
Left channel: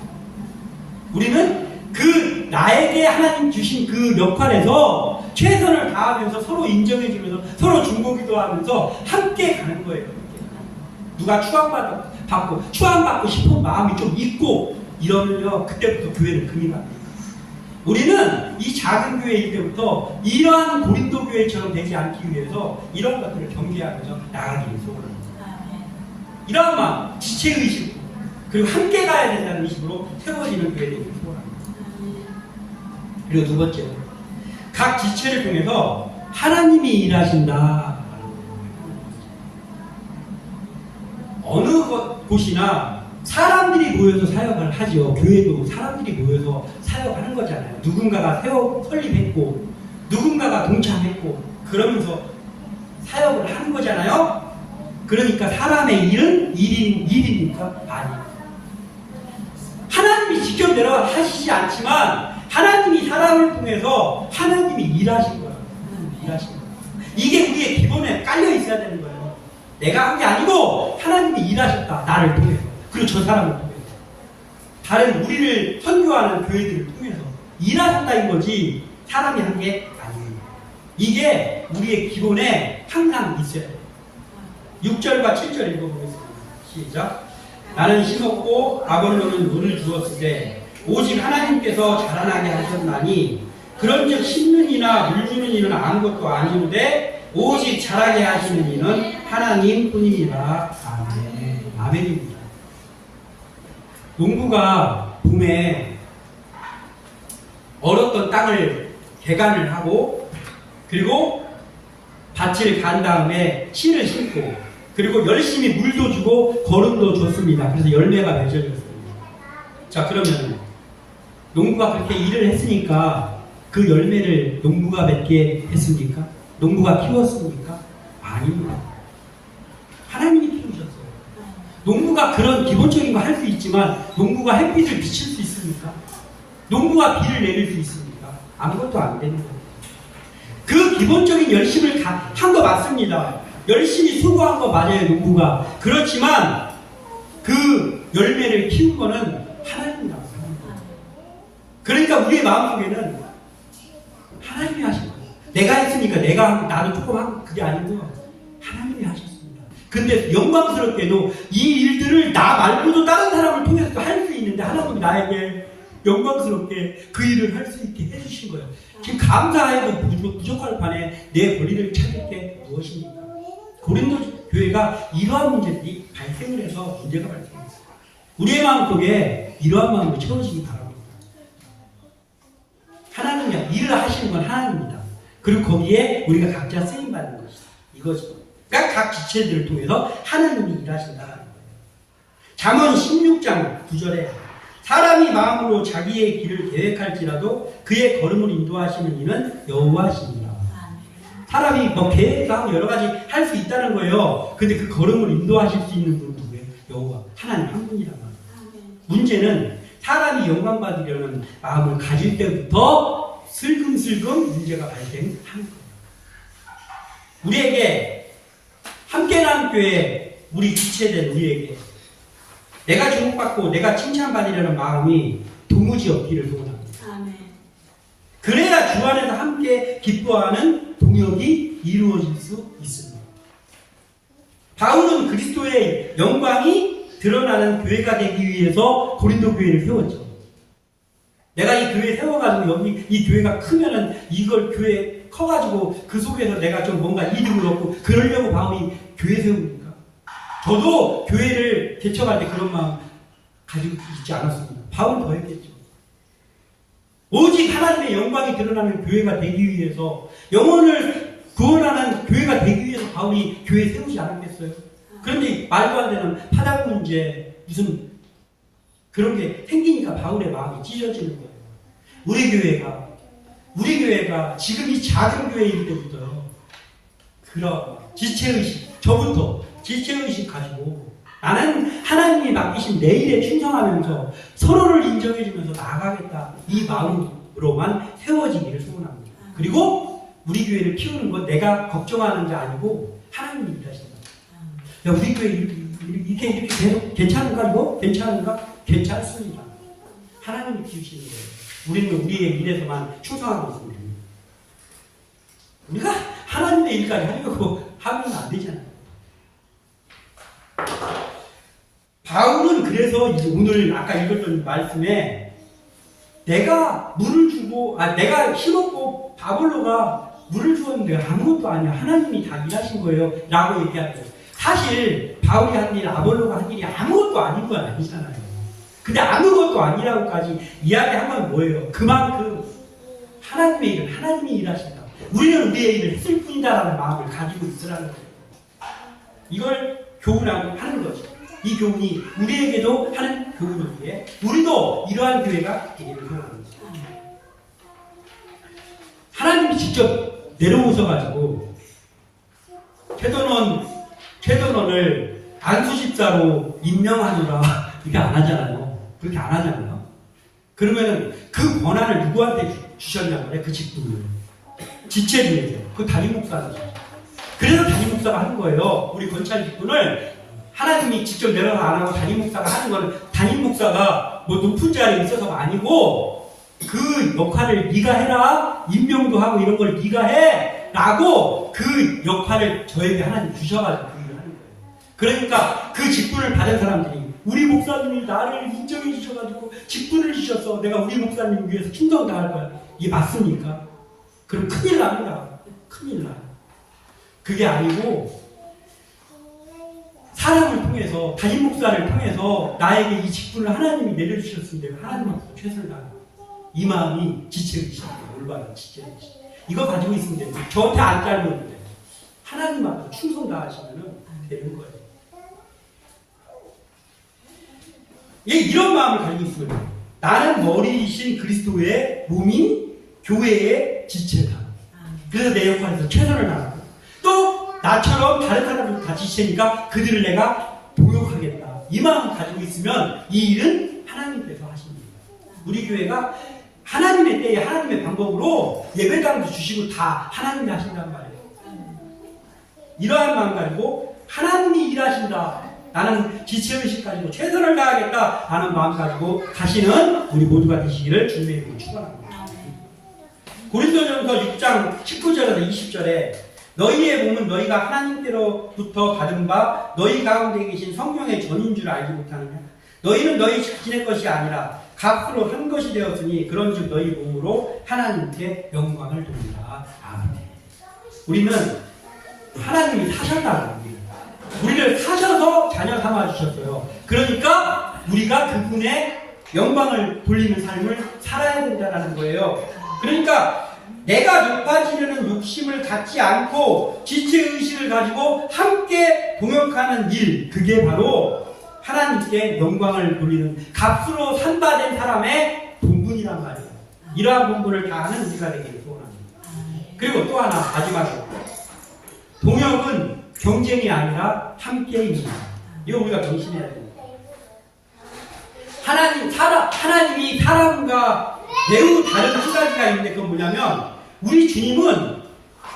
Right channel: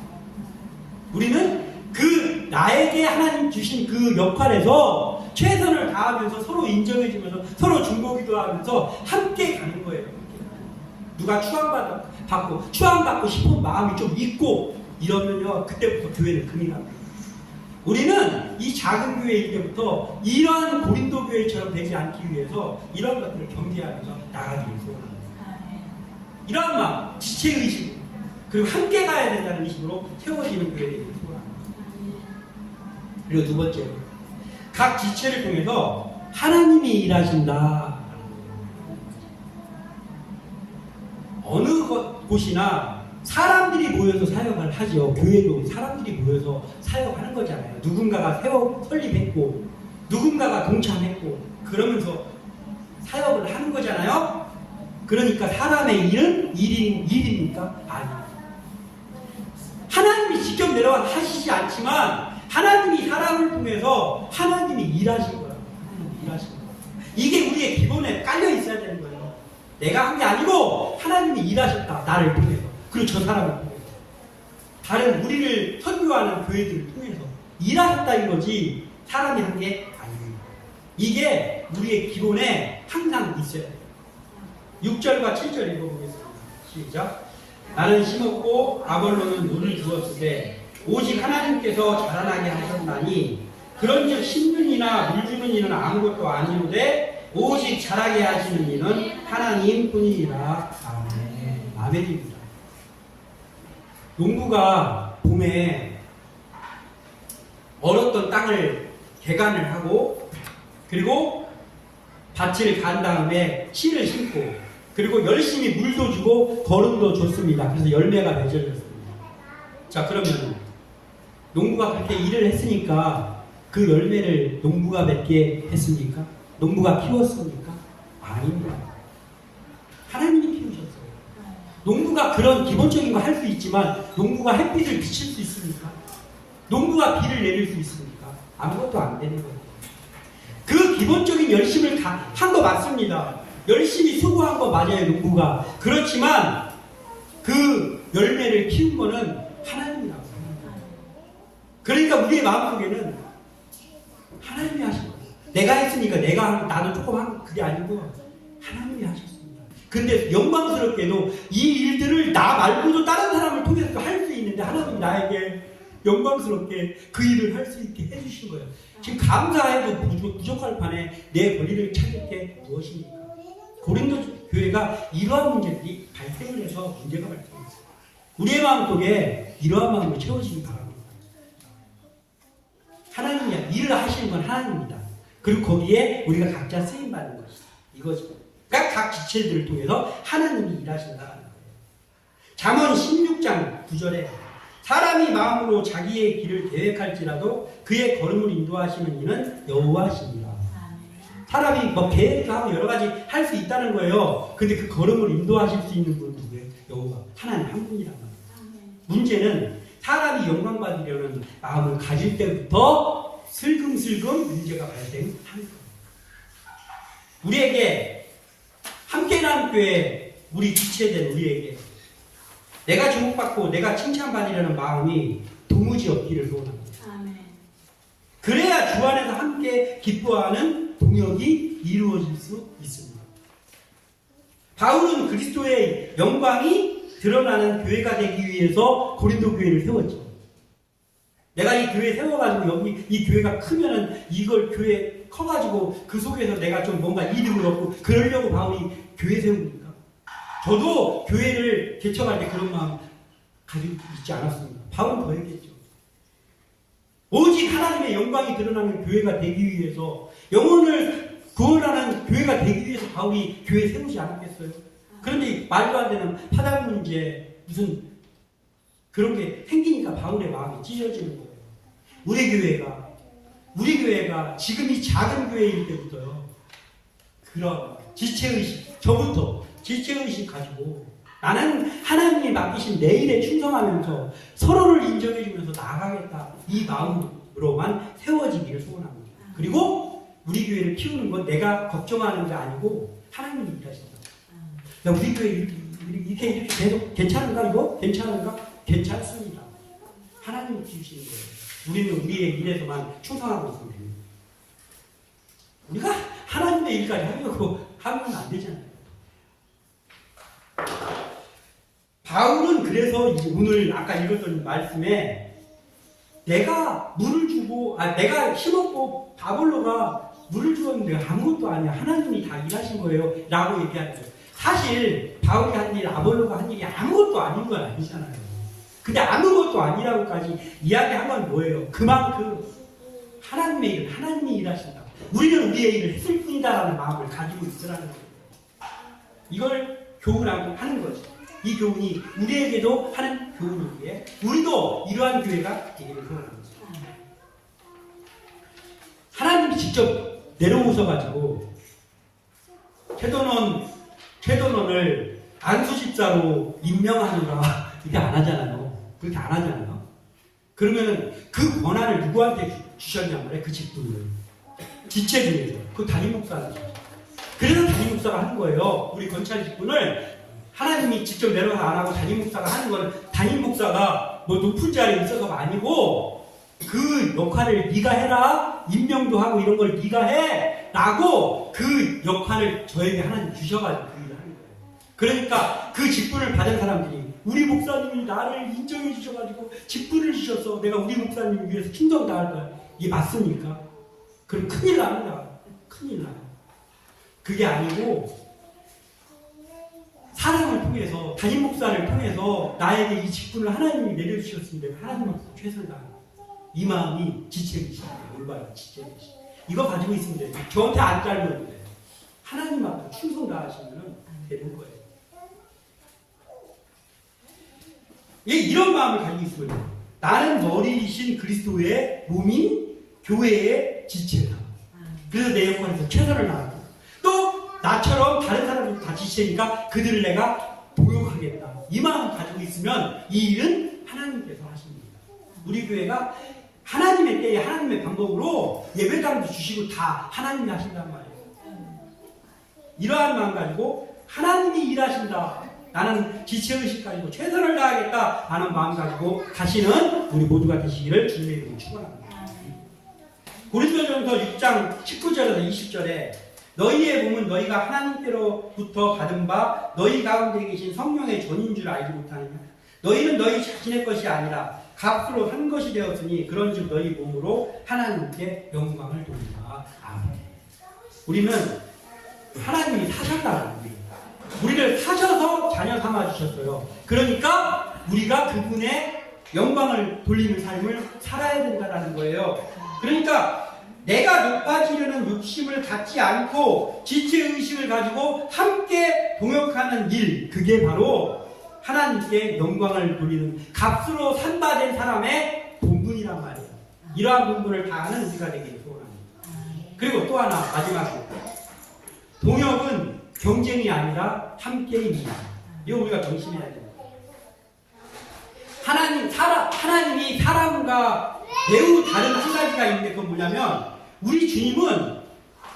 우리는 그 나에게 하나님 주신 그 역할에서 최선을 다하면서 서로 인정해주면서 서로 중보기도 하면서 함께 가는 거예요. 누가 추앙받고 싶은 마음이 좀 있고 이러면요, 그때부터 교회는 금이 갑니다. 우리는 이 작은 교회일 때부터 이러한 고린도 교회처럼 되지 않기 위해서 이런 것들을 경계하면서 나가기를 소원합니다. 이런 마음, 지체의식, 그리고 함께 가야 된다는 의식으로 세워지는 교회에 되기를 소원합니다. 그리고 두 번째로, 각 지체를 통해서 하나님이 일하신다. 어느 곳이나 사람들이 모여서 사역을 하죠. 교회도 사람들이 모여서 사역하는 거잖아요. 누군가가 설립했고 누군가가 동참했고 그러면서 사역을 하는 거잖아요. 그러니까 사람의 일은 일입니까? 아니에요. 하나님이 직접 내려와 하시지 않지만 하나님이 사람을 통해서 하나님이 일하신 거예요. 일하신 거예요. 이게 우리의 기본에 깔려 있어야 되는 거예요. 내가 한 게 아니고 하나님이 일하셨다. 나를 통해서. 그리고 저 사람을 통해서. 다른 우리를 선교하는 교회들을 통해서 일하셨다는 거지 사람이 한 게 아닙니다. 이게 우리의 기본에 항상 있어야 돼요. 6절과 7절 읽어보겠습니다. 시작. 나는 심었고 아볼로는 물을 주었을 때 오직 하나님께서 자라나게 하셨나니 그런즉 심는 이나 물 주는 이는 아무것도 아니오되 오직 자라게 하시는 이는 하나님 뿐이니라. 아멘. 아멘입니다. 농부가 봄에 얼었던 땅을 개간을 하고 그리고 밭을 간 다음에 씨를 심고 그리고 열심히 물도 주고 거름도 줬습니다. 그래서 열매가 맺어졌습니다. 자, 그러면 농부가 그렇게 일을 했으니까 그 열매를 농부가 맺게 했습니까? 농부가 키웠습니까? 아닙니다. 하나님이 키우셨어요. 농부가 그런 기본적인 거 할 수 있지만 농부가 햇빛을 비칠 수 있습니까? 농부가 비를 내릴 수 있습니까? 아무것도 안 되는 거예요. 그 기본적인 열심을 한 거 맞습니다. 열심히 수고한 거 맞아요, 농부가. 그렇지만 그 열매를 키운 거는 하나님이라고 하는 거예요. 그러니까 우리의 마음속에는 하나님이 하신 거예요. 내가 했으니까 나도 조금 한 그게 아니고요. 하나님이 하셨습니다. 근데 영광스럽게도 이 일들을 나 말고도 다른 사람을 통해서 할 수 있는데 하나님이 나에게 영광스럽게 그 일을 할 수 있게 해주신 거예요. 지금 감사해도 부족할 판에 내 권리를 찾을 게 무엇입니까? 고린도 교회가 이러한 문제들이 발생을 해서 문제가 발생했어요. 우리의 마음속에 이러한 마음을 채우시기 바랍니다. 하나님이 일을 하시는 건 하나님입니다. 그리고 거기에 우리가 각자 쓰임받는 것이다. 이거죠. 그러니까 각 지체들을 통해서 하나님이 일하신다는 거예요. 잠언 16장 9절에 사람이 마음으로 자기의 길을 계획할지라도 그의 걸음을 인도하시는 이는 여호와시니라. 사람이 뭐 계획하고 여러 가지 할 수 있다는 거예요. 근데 그 걸음을 인도하실 수 있는 분은 누구예요? 여호와. 하나님 한 분이란 말이에요. 문제는 사람이 영광 받으려는 마음을 가질 때부터 슬금슬금 문제가 발생하는 거예요. 우리에게 함께하는 교회, 우리 지체된 우리에게 내가 주목받고 내가 칭찬받으려는 마음이 도무지 없기를 소원합니다. 그래야 주 안에서 함께 기뻐하는 동역이 이루어질 수 있습니다. 바울은 그리스도의 영광이 드러나는 교회가 되기 위해서 고린도 교회를 세웠죠. 내가 이 교회 세워가지고 여기 이 교회가 크면은 이걸 교회 커가지고 그 속에서 내가 좀 뭔가 이득을 얻고 그러려고 바울이 교회 세웁니까? 저도 교회를 개척할 때 그런 마음 가지고 있지 않았습니다. 바울은 더 했겠죠. 오직 하나님의 영광이 드러나는 교회가 되기 위해서 영혼을 구원하는 교회가 되기 위해서 바울이 교회 세우지 않았겠어요? 그런데 말도 안 되는 파당 문제 무슨 그런 게 생기니까 바울의 마음이 찢어지는 거예요. 우리 교회가 지금 이 작은 교회일 때부터요. 그런 지체의식, 저부터 지체의식 가지고 나는 하나님이 맡기신 내 일에 충성하면서 서로를 인정해주면서 나아가겠다. 이 마음으로만 세워지기를 소원합니다. 그리고 우리 교회를 키우는 건 내가 걱정하는 게 아니고 하나님이 일하신다. 야, 우리 교회 이렇게 계속 괜찮은가 이거? 괜찮은가? 괜찮습니다. 하나님이 키우시는 거예요. 우리는 우리의 일에서만 충성하고 있습니다. 우리가 하나님의 일까지 하려고 하면 안 되잖아요. 바울은 그래서 오늘 아까 읽었던 말씀에 내가 물을 주고 내가 심었고 바볼로가 물을 주었는데 아무것도 아니야. 하나님이 다 일하신 거예요. 라고 얘기하죠. 사실 바울이 한 일, 아볼로가 한 일이 아무것도 아닌 건 아니잖아요. 근데 아무것도 아니라고까지 이야기한 건 뭐예요? 그만큼 하나님의 일은 하나님이 일하신다. 우리는 우리의 일을 했을 뿐이다라는 마음을 가지고 있으라는 거예요. 이걸 교훈하고 하는 거죠. 이 교훈이 우리에게도 하는 교훈이기에 우리도 이러한 교회가 되기를 소원합니다. 하나님이 직접 내려오셔가지고 최선원을 안수집사로 임명하느라 이렇게 안 하잖아요. 그렇게 안 하잖아요. 그러면은 그 권한을 누구한테 주셨냐고 그래, 그 직분을. 지체주에서. 그 담임 목사가. 그래서 담임 목사가 하는 거예요. 우리 권찰 직분을 하나님이 직접 내려서 안 하고 담임 목사가 하는 건 담임 목사가 뭐 높은 자리에 있어서가 아니고 그 역할을 네가 해라. 임명도 하고 이런 걸 네가 해. 라고 그 역할을 저에게 하나님 주셔가지고 그 일을 하는 거예요. 그러니까 그 직분을 받은 사람들이 우리 목사님이 나를 인정해 주셔가지고 직분을 주셔서 내가 우리 목사님 위해서 충성당할 거야. 이게 맞습니까? 그럼 큰일 납니다. 큰일 나요. 그게 아니고 사람을 통해서 담임 목사를 통해서 나에게 이 직분을 하나님이 내려주셨으면 내가 하나님 앞에서 최선을 다하는 이 마음이 지체의식이에요. 올바른 지체의식. 이거 가지고 있으면 돼요. 저한테 안 짧으면 돼요. 하나님 앞에 충성 다하시면 되는 거예요. 이런 마음을 가지고 있으면 나는 머리이신 그리스도의 몸인 교회의 지체다. 그래서 내 역할에서 최선을 다하고 또 나처럼 다른 사람들도 다 지체니까 그들을 내가 보육하겠다. 이 마음을 가지고 있으면 이 일은 하나님께서 하십니다. 우리 교회가 하나님의 때에 하나님의 방법으로 예배당도 주시고 다 하나님이 하신단 말이에요. 이러한 마음 가지고 하나님이 일하신다. 나는 지체의식 가지고 최선을 다하겠다 하는 마음 가지고 가시는 우리 모두가 되시기를 주님의 이름으로 축원합니다. 고린도전서 6장 19절에서 20절에 너희의 몸은 너희가 하나님께로부터 받은 바 너희 가운데 계신 성령의 전인 줄 알지 못하느냐. 너희는 너희 자신의 것이 아니라 값으로 한 것이 되었으니 그런즉 너희 몸으로 하나님께 영광을 돌리라. 아멘. 우리는 하나님이 사셨다는 거예요. 우리를 사셔서 자녀 삼아 주셨어요. 그러니까 우리가 그분의 영광을 돌리는 삶을 살아야 된다는 거예요. 그러니까 내가 높아지려는 욕심을 갖지 않고 지체의식을 가지고 함께 동역하는 일, 그게 바로 하나님께 영광을 돌리는 값으로 산바된 사람의 본분이란 말이에요. 이러한 본분을 다하는 우리가 되기를 소원합니다. 그리고 또 하나 마지막으로 동역은 경쟁이 아니라 함께입니다. 이거 우리가 명심해야 됩니다. 하나님이 사람과 매우 다른 한 가지가 있는데 그건 뭐냐면 우리 주님은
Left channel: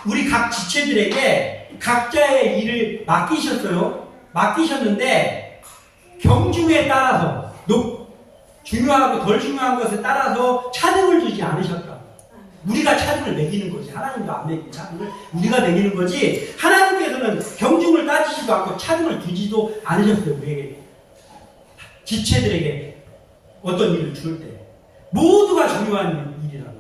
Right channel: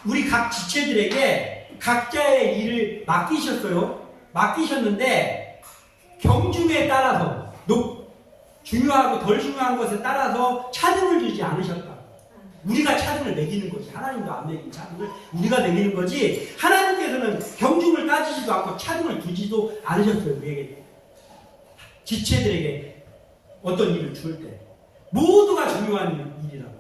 우리 각 지체들에게 각자의 일을 맡기셨어요. 맡기셨는데 경중에 따라서 중요하고 덜 중요한 것에 따라서 차등을 주지 않으셨다. 우리가 차등을 매기는 거지. 하나님도 안 매기는 차등을 우리가 매기는 거지. 하나님께서는 경중을 따지지도 않고 차등을 두지도 않으셨어요. 우리에게. 지체들에게 어떤 일을 줄 때. 모두가 중요한 일이라고.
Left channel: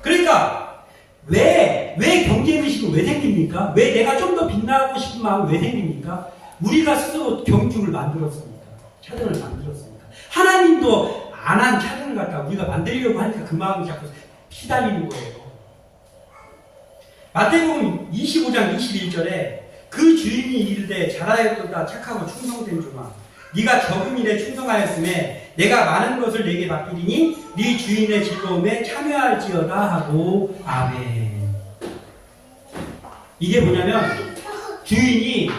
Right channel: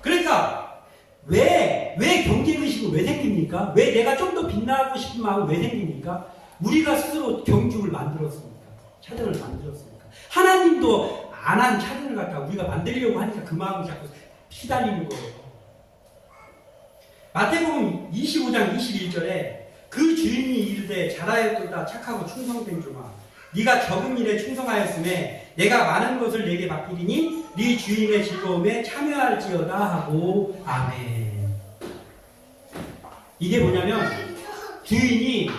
그러니까 왜 경쟁의식은 왜 생깁니까? 왜 내가 좀 더 빛나고 싶은 마음은 왜 생깁니까? 우리가 스스로 경중을 만들었습니까? 차등을 만들었습니까? 하나님도 안 한 차등을 갖다 우리가 만들려고 하니까 그 마음이 자꾸 피달리는 거예요. 마태복음 25장 21절에 그 주인이 이르되 잘하였도다 착하고 충성된 종아 네가 적은 일에 충성하였음에 내가 많은 것을 내게 맡기리니 네 주인의 즐거움에 참여할지어다 하고 아멘. 이게 뭐냐면 주인이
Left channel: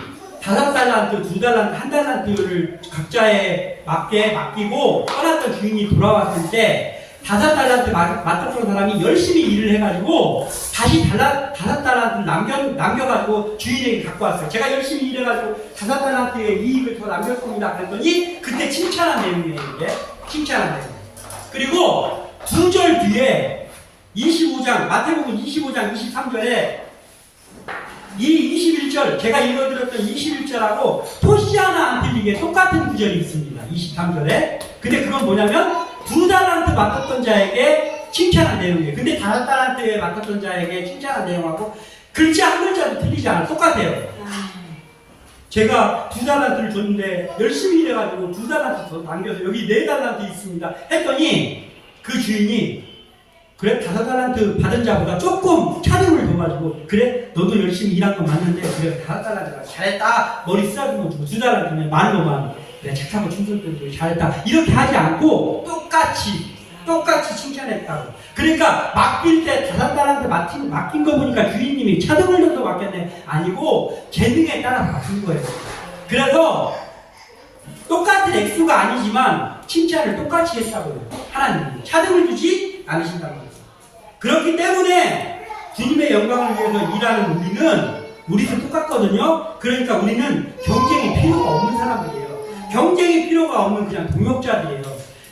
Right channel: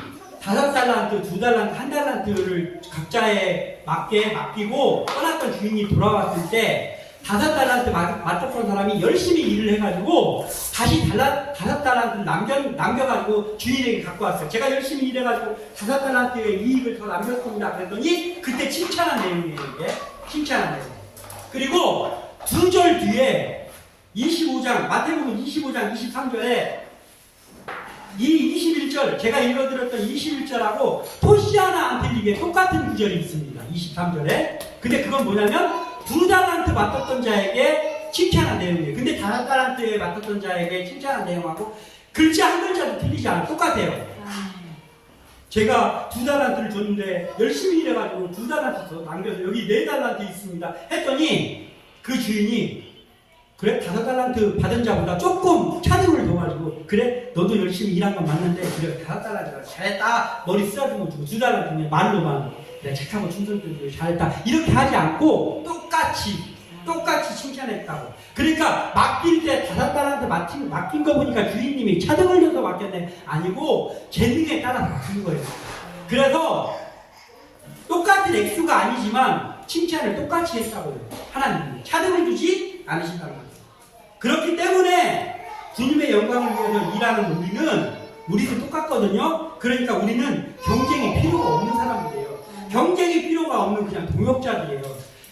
5달란트, 2달란트, 1달란트를 각자에 맞게 맡기고 떠났던 주인이 돌아왔을 때 5달란트 맡았던 사람이 열심히 일을 해가지고 다시 5달란트를 남겨가지고 주인에게 갖고 왔어요. 제가 열심히 일해가지고 5달란트의 이익을 더 남겼습니다. 그랬더니 그때 칭찬한 내용이에요. 이게 칭찬한 내용. 그리고 2절 뒤에 25장 마태복음 25장 23절에 이 21절 제가 읽어드렸던 21절하고 토시 하나 안 틀리게 똑같은 구절이 있습니다. 23절에. 근데 그건 뭐냐면 2달란트 맡았던 자에게 칭찬한 내용이에요. 근데 5달란트에 맡았던 자에게 칭찬한 내용하고 글자 한 글자도 틀리지 않아요. 똑같아요. 제가 2달란트를 줬는데 열심히 일해가지고 2달란트 더 남겨서 여기 4달란트 있습니다 했더니 그 주인이 그래 5달란트 받은 자보다 조금 차등을 둬가지고 그래 너도 열심히 일한 건 맞는데 그래 5달란트가 잘했다 머리 쓰다듬어 주고 2달란트면 15,000원 그래 착하고 충성되고 잘했다 이렇게 하지 않고 똑같이 똑같이 칭찬했다고. 그러니까 맡길 때 다섯 달한테 맡긴 거 보니까 주인님이 차등을 줘서 맡겼네. 아니고 재능에 따라 맡긴 거예요. 그래서 똑같은 액수가 아니지만 칭찬을 똑같이 했다고요. 하나님이 차등을 주지 않으신다는 거예요. 그렇기 때문에 주님의 영광을 위해서 일하는 우리도 똑같거든요. 그러니까 우리는 경쟁이 필요가 없는 사람들이에요. 경쟁이 필요가 없는 그냥 동역자들이에요.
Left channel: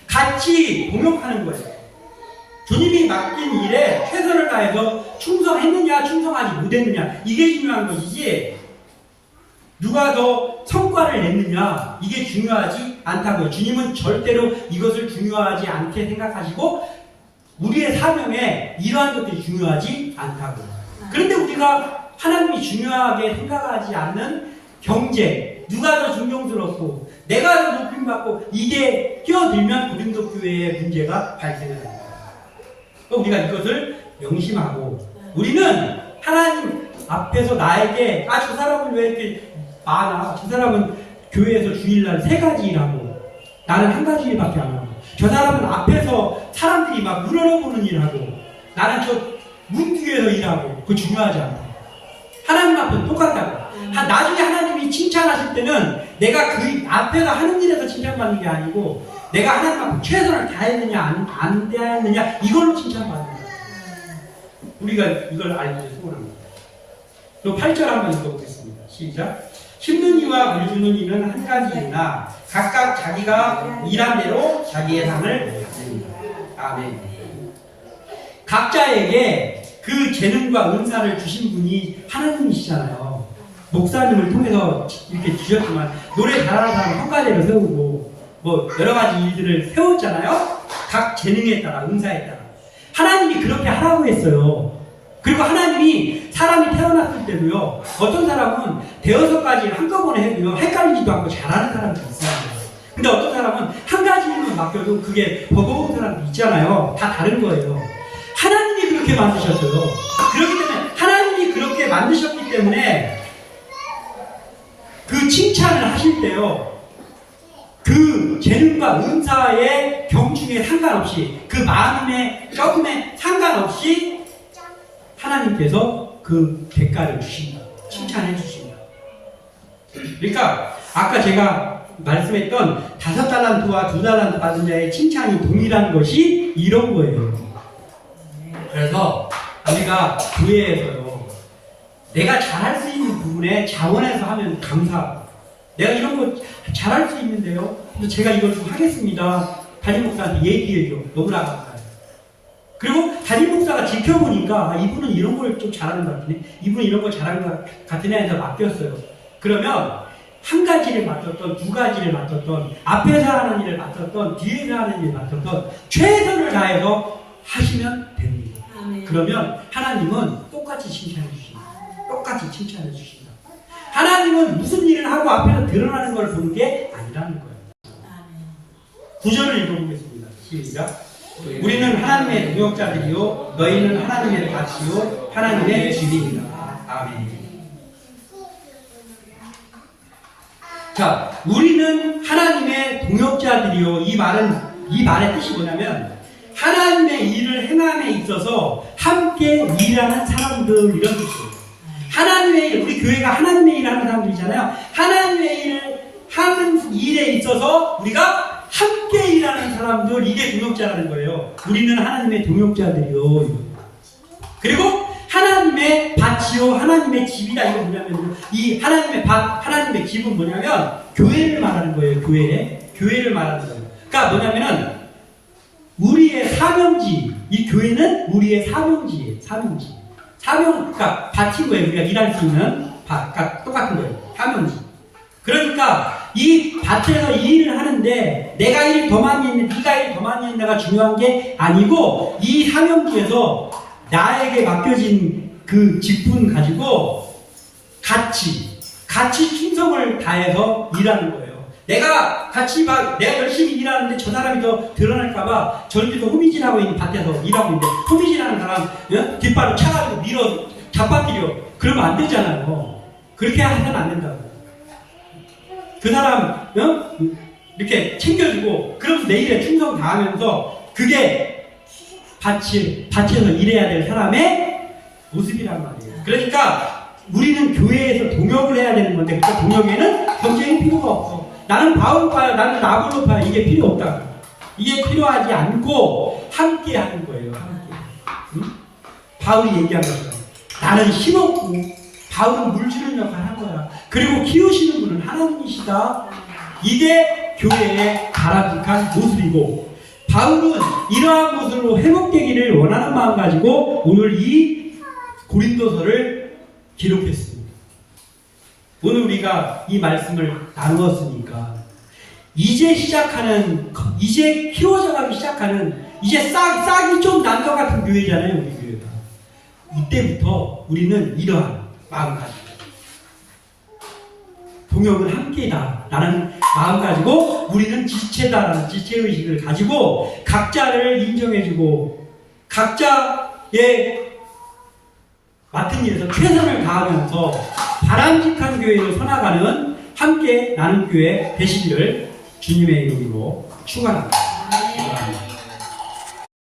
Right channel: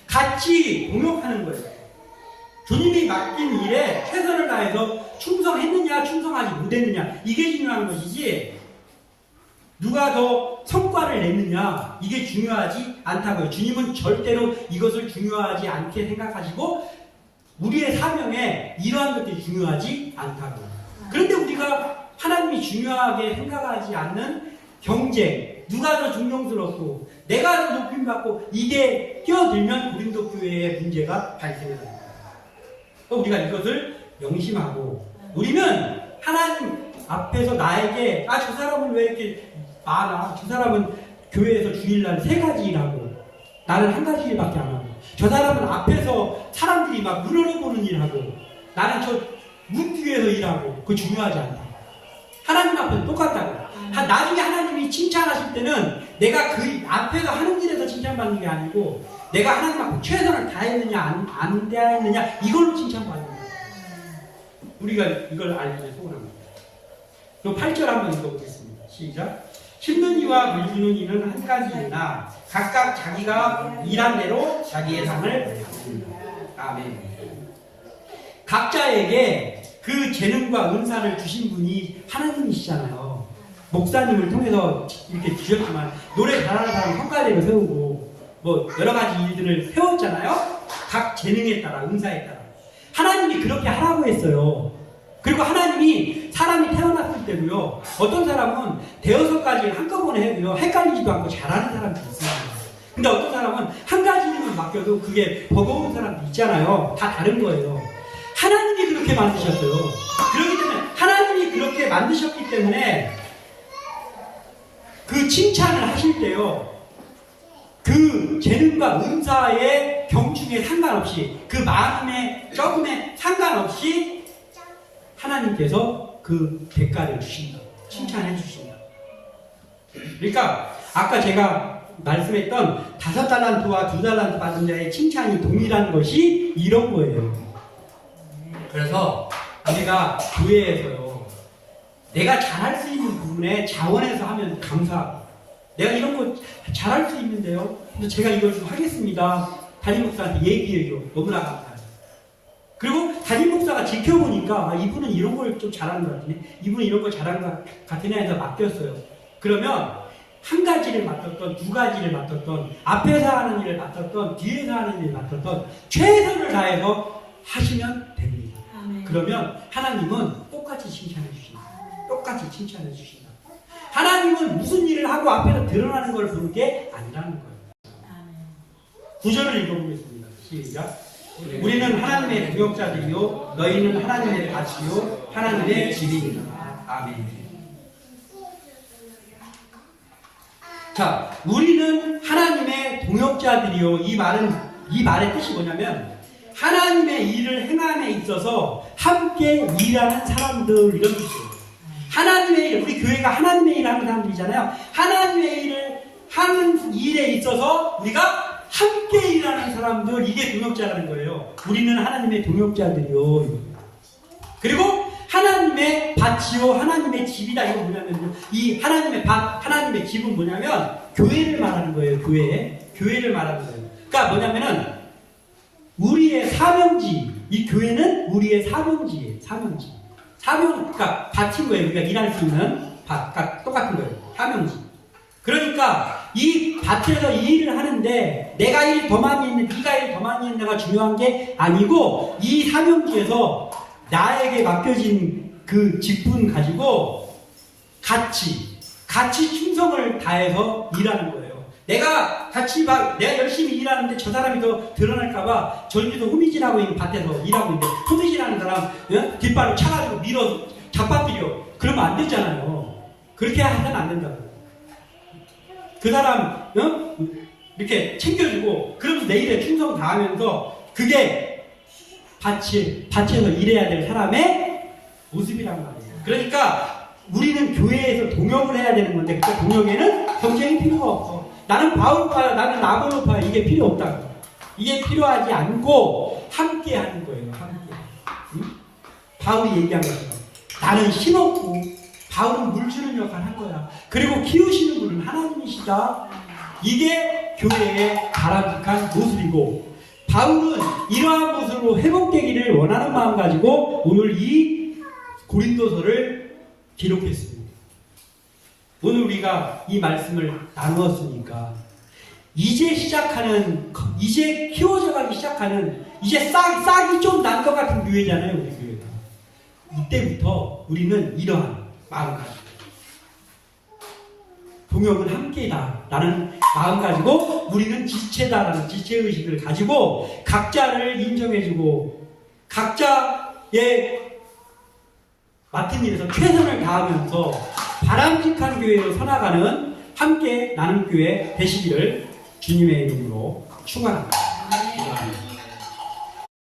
같이 동역하는 거예요. 주님이 맡긴 일에 최선을 다해서 충성했느냐 충성하지 못했느냐 이게 중요한 것이지 누가 더 성과를 냈느냐 이게 중요하지 않다고요. 주님은 절대로 이것을 중요하지 않게 생각하시고 우리의 사명에 이러한 것들이 중요하지 않다고요. 그런데 우리가 하나님이 중요하게 생각하지 않는 경쟁, 누가 더 존경스럽고 내가 더 높임받고 이게 끼어들면 고린도 교회의 문제가 발생합니다. 우리가 이것을 명심하고 우리는 하나님 앞에서 나에게 저 사람은 왜 이렇게 많아? 저 사람은 교회에서 주일날 3가지 일하고 나는 1가지 일밖에 안 하고 저 사람은 앞에서 사람들이 막 우러러보는 일하고 나는 저 문 뒤에서 일하고 그거 중요하지 않다. 하나님 앞에서 똑같다고. 나중에 하나님이 칭찬하실 때는 내가 그 앞에서 하는 일에서 칭찬받는 게 아니고 내가 하나님 앞에 최선을 다했느냐 안 다했느냐 이걸로 칭찬받는 거야. 우리가 이걸 알기를 소원합니다. 또 8절 한번 읽어보겠습니다. 시작. 힘든 이와 물주는 이는 한 가지이나 각각 자기가 일한 대로 자기의 상을 받습니다. 아멘. 각자에게 그 재능과 은사를 주신 분이 하나님이시잖아요. 목사님을 통해서 이렇게 주셨지만 노래 잘하는 사람 성가대를 세우고 뭐 여러 가지 일들을 세웠잖아요. 각 재능에 따라 은사에 따라 하나님이 그렇게 하라고 했어요. 그리고 하나님이 사람이 태어났을 때도요. 어떤 사람은 대여섯 가지 한꺼번에 해도요. 헷갈리지도 않고 잘하는 사람도 있어요. 근데 어떤 사람은 한 가지 일만 맡겨도 그게 버거운 사람도 있잖아요. 다 다른 거예요. 하나님이 그렇게 만드셨어요. 그렇기 때문에 하나님이 그렇게 만드셨기 때문에 그 칭찬을 하실 때요. 그 재능과 은사의 경중에 상관없이 그 마음의 조금의 상관없이 하나님께서 그 대가를 주신다. 칭찬해 주신다. 그러니까 아까 제가 말씀했던 5달란트와 2달란트 받은 자의 칭찬이 동일한 것이 이런 거예요. 그래서 우리가 교회에서요. 내가 잘할 수 있는 부분에 자원해서 하면 감사하고 내가 이런 거 잘할 수 있는데요. 그래서 제가 이걸 좀 하겠습니다. 담임 목사한테 얘기해요. 너무나 감사해요. 그리고 담임 목사가 지켜보니까 이분은 이런 걸 좀 잘하는 것 같으네. 이분은 이런 거 잘하는 것 같으네 해서 맡겼어요. 그러면 한 가지를 맡았던 2가지를 맡았던 앞에서 하는 일을 맡았던 뒤에서 하는 일을 맡았던 최선을 다해서 하시면 됩니다. 아멘. 그러면 하나님은 똑같이 칭찬해 주신다. 똑같이 칭찬해 주신다. 하나님은 무슨 일을 하고 앞에서 드러나는 걸 보는 게 아니라는 거예요. 9절을 읽어보겠습니다. 시작. 우리는 하나님의 동역자들이요 너희는 하나님의 밭이요 하나님의 집이니라. 아멘. 자, 우리는 하나님의 동역자들이요. 이 말의 뜻이 뭐냐면 하나님의 일을 행함에 있어서 함께 일하는 사람들 이런 뜻이에요. 하나님의 일, 우리 교회가 하나님의 일을 하는 사람들이잖아요. 하나님의 일을 하는 일에 있어서 우리가 함께 일하는 사람들 이게 동역자라는 거예요. 우리는 하나님의 동역자들이요. 그리고 하나님의 밭이요 하나님의 집이다. 이거 뭐냐면 이 하나님의 밭, 하나님의 집은 뭐냐면 교회를 말하는 거예요. 교회를 말하는 거예요. 그러니까 뭐냐면은 우리의 사명지, 이 교회는 우리의 사명지예요. 그러니까 밭인 거예요. 우리가 일할 수 있는 밭, 그러니까 똑같은 거예요. 사명지. 그러니까 이 밭에서 이 일을 하는데 내가 일 더 많이 했네, 네가 일 더 많이 했네가 중요한 게 아니고 이 사명지에서 나에게 맡겨진 그 직분 가지고 같이 충성을 다해서 일하는 거예요. 내가 내가 열심히 일하는데 저 사람이 더 드러날까봐 저기도 호미질하고 있는 밭에서 일하고 있는데 호미질하는 사람 뒷발을 차가지고 밀어 잡아뜨려. 그러면 안 되잖아요. 그렇게 하면 안 된다고. 그 사람 이렇게 챙겨주고 그럼 내일에 충성 다하면서 그게 밭에서 일해야 될 사람의 모습이란 말이에요. 그러니까 우리는 교회에서 동역을 해야 되는 건데 그 동역에는 경쟁이 필요가 없어. 나는 바울파야, 나는 아볼로파야, 이게 필요 없다. 이게 필요하지 않고 함께 하는 거예요. 함께. 응? 바울이 얘기한 것처럼 나는 힘없고 바울은 물 주는 역할을 한 거야. 그리고 키우시는 분은 하나님이시다. 이게 교회의 바람직한 모습이고, 바울은 이러한 모습으로 회복되기를 원하는 마음 가지고 오늘 이 고린도서를 기록했습니다. 오늘 우리가 이 말씀을 나누었으니까 이제 키워져가기 시작하는, 이제 싹이 좀 난 것 같은 교회잖아요, 우리 교회가. 이때부터 우리는 이러한 마음 가지고 동역은 함께이다 라는 마음 가지고 우리는 지체다라는 지체의식을 가지고 각자를 인정해주고 각자의 맡은 일에서 최선을 다하면서 바람직한 교회로 서나가는 함께 나는 교회 되시기를 주님의 이름으로 축원합니다.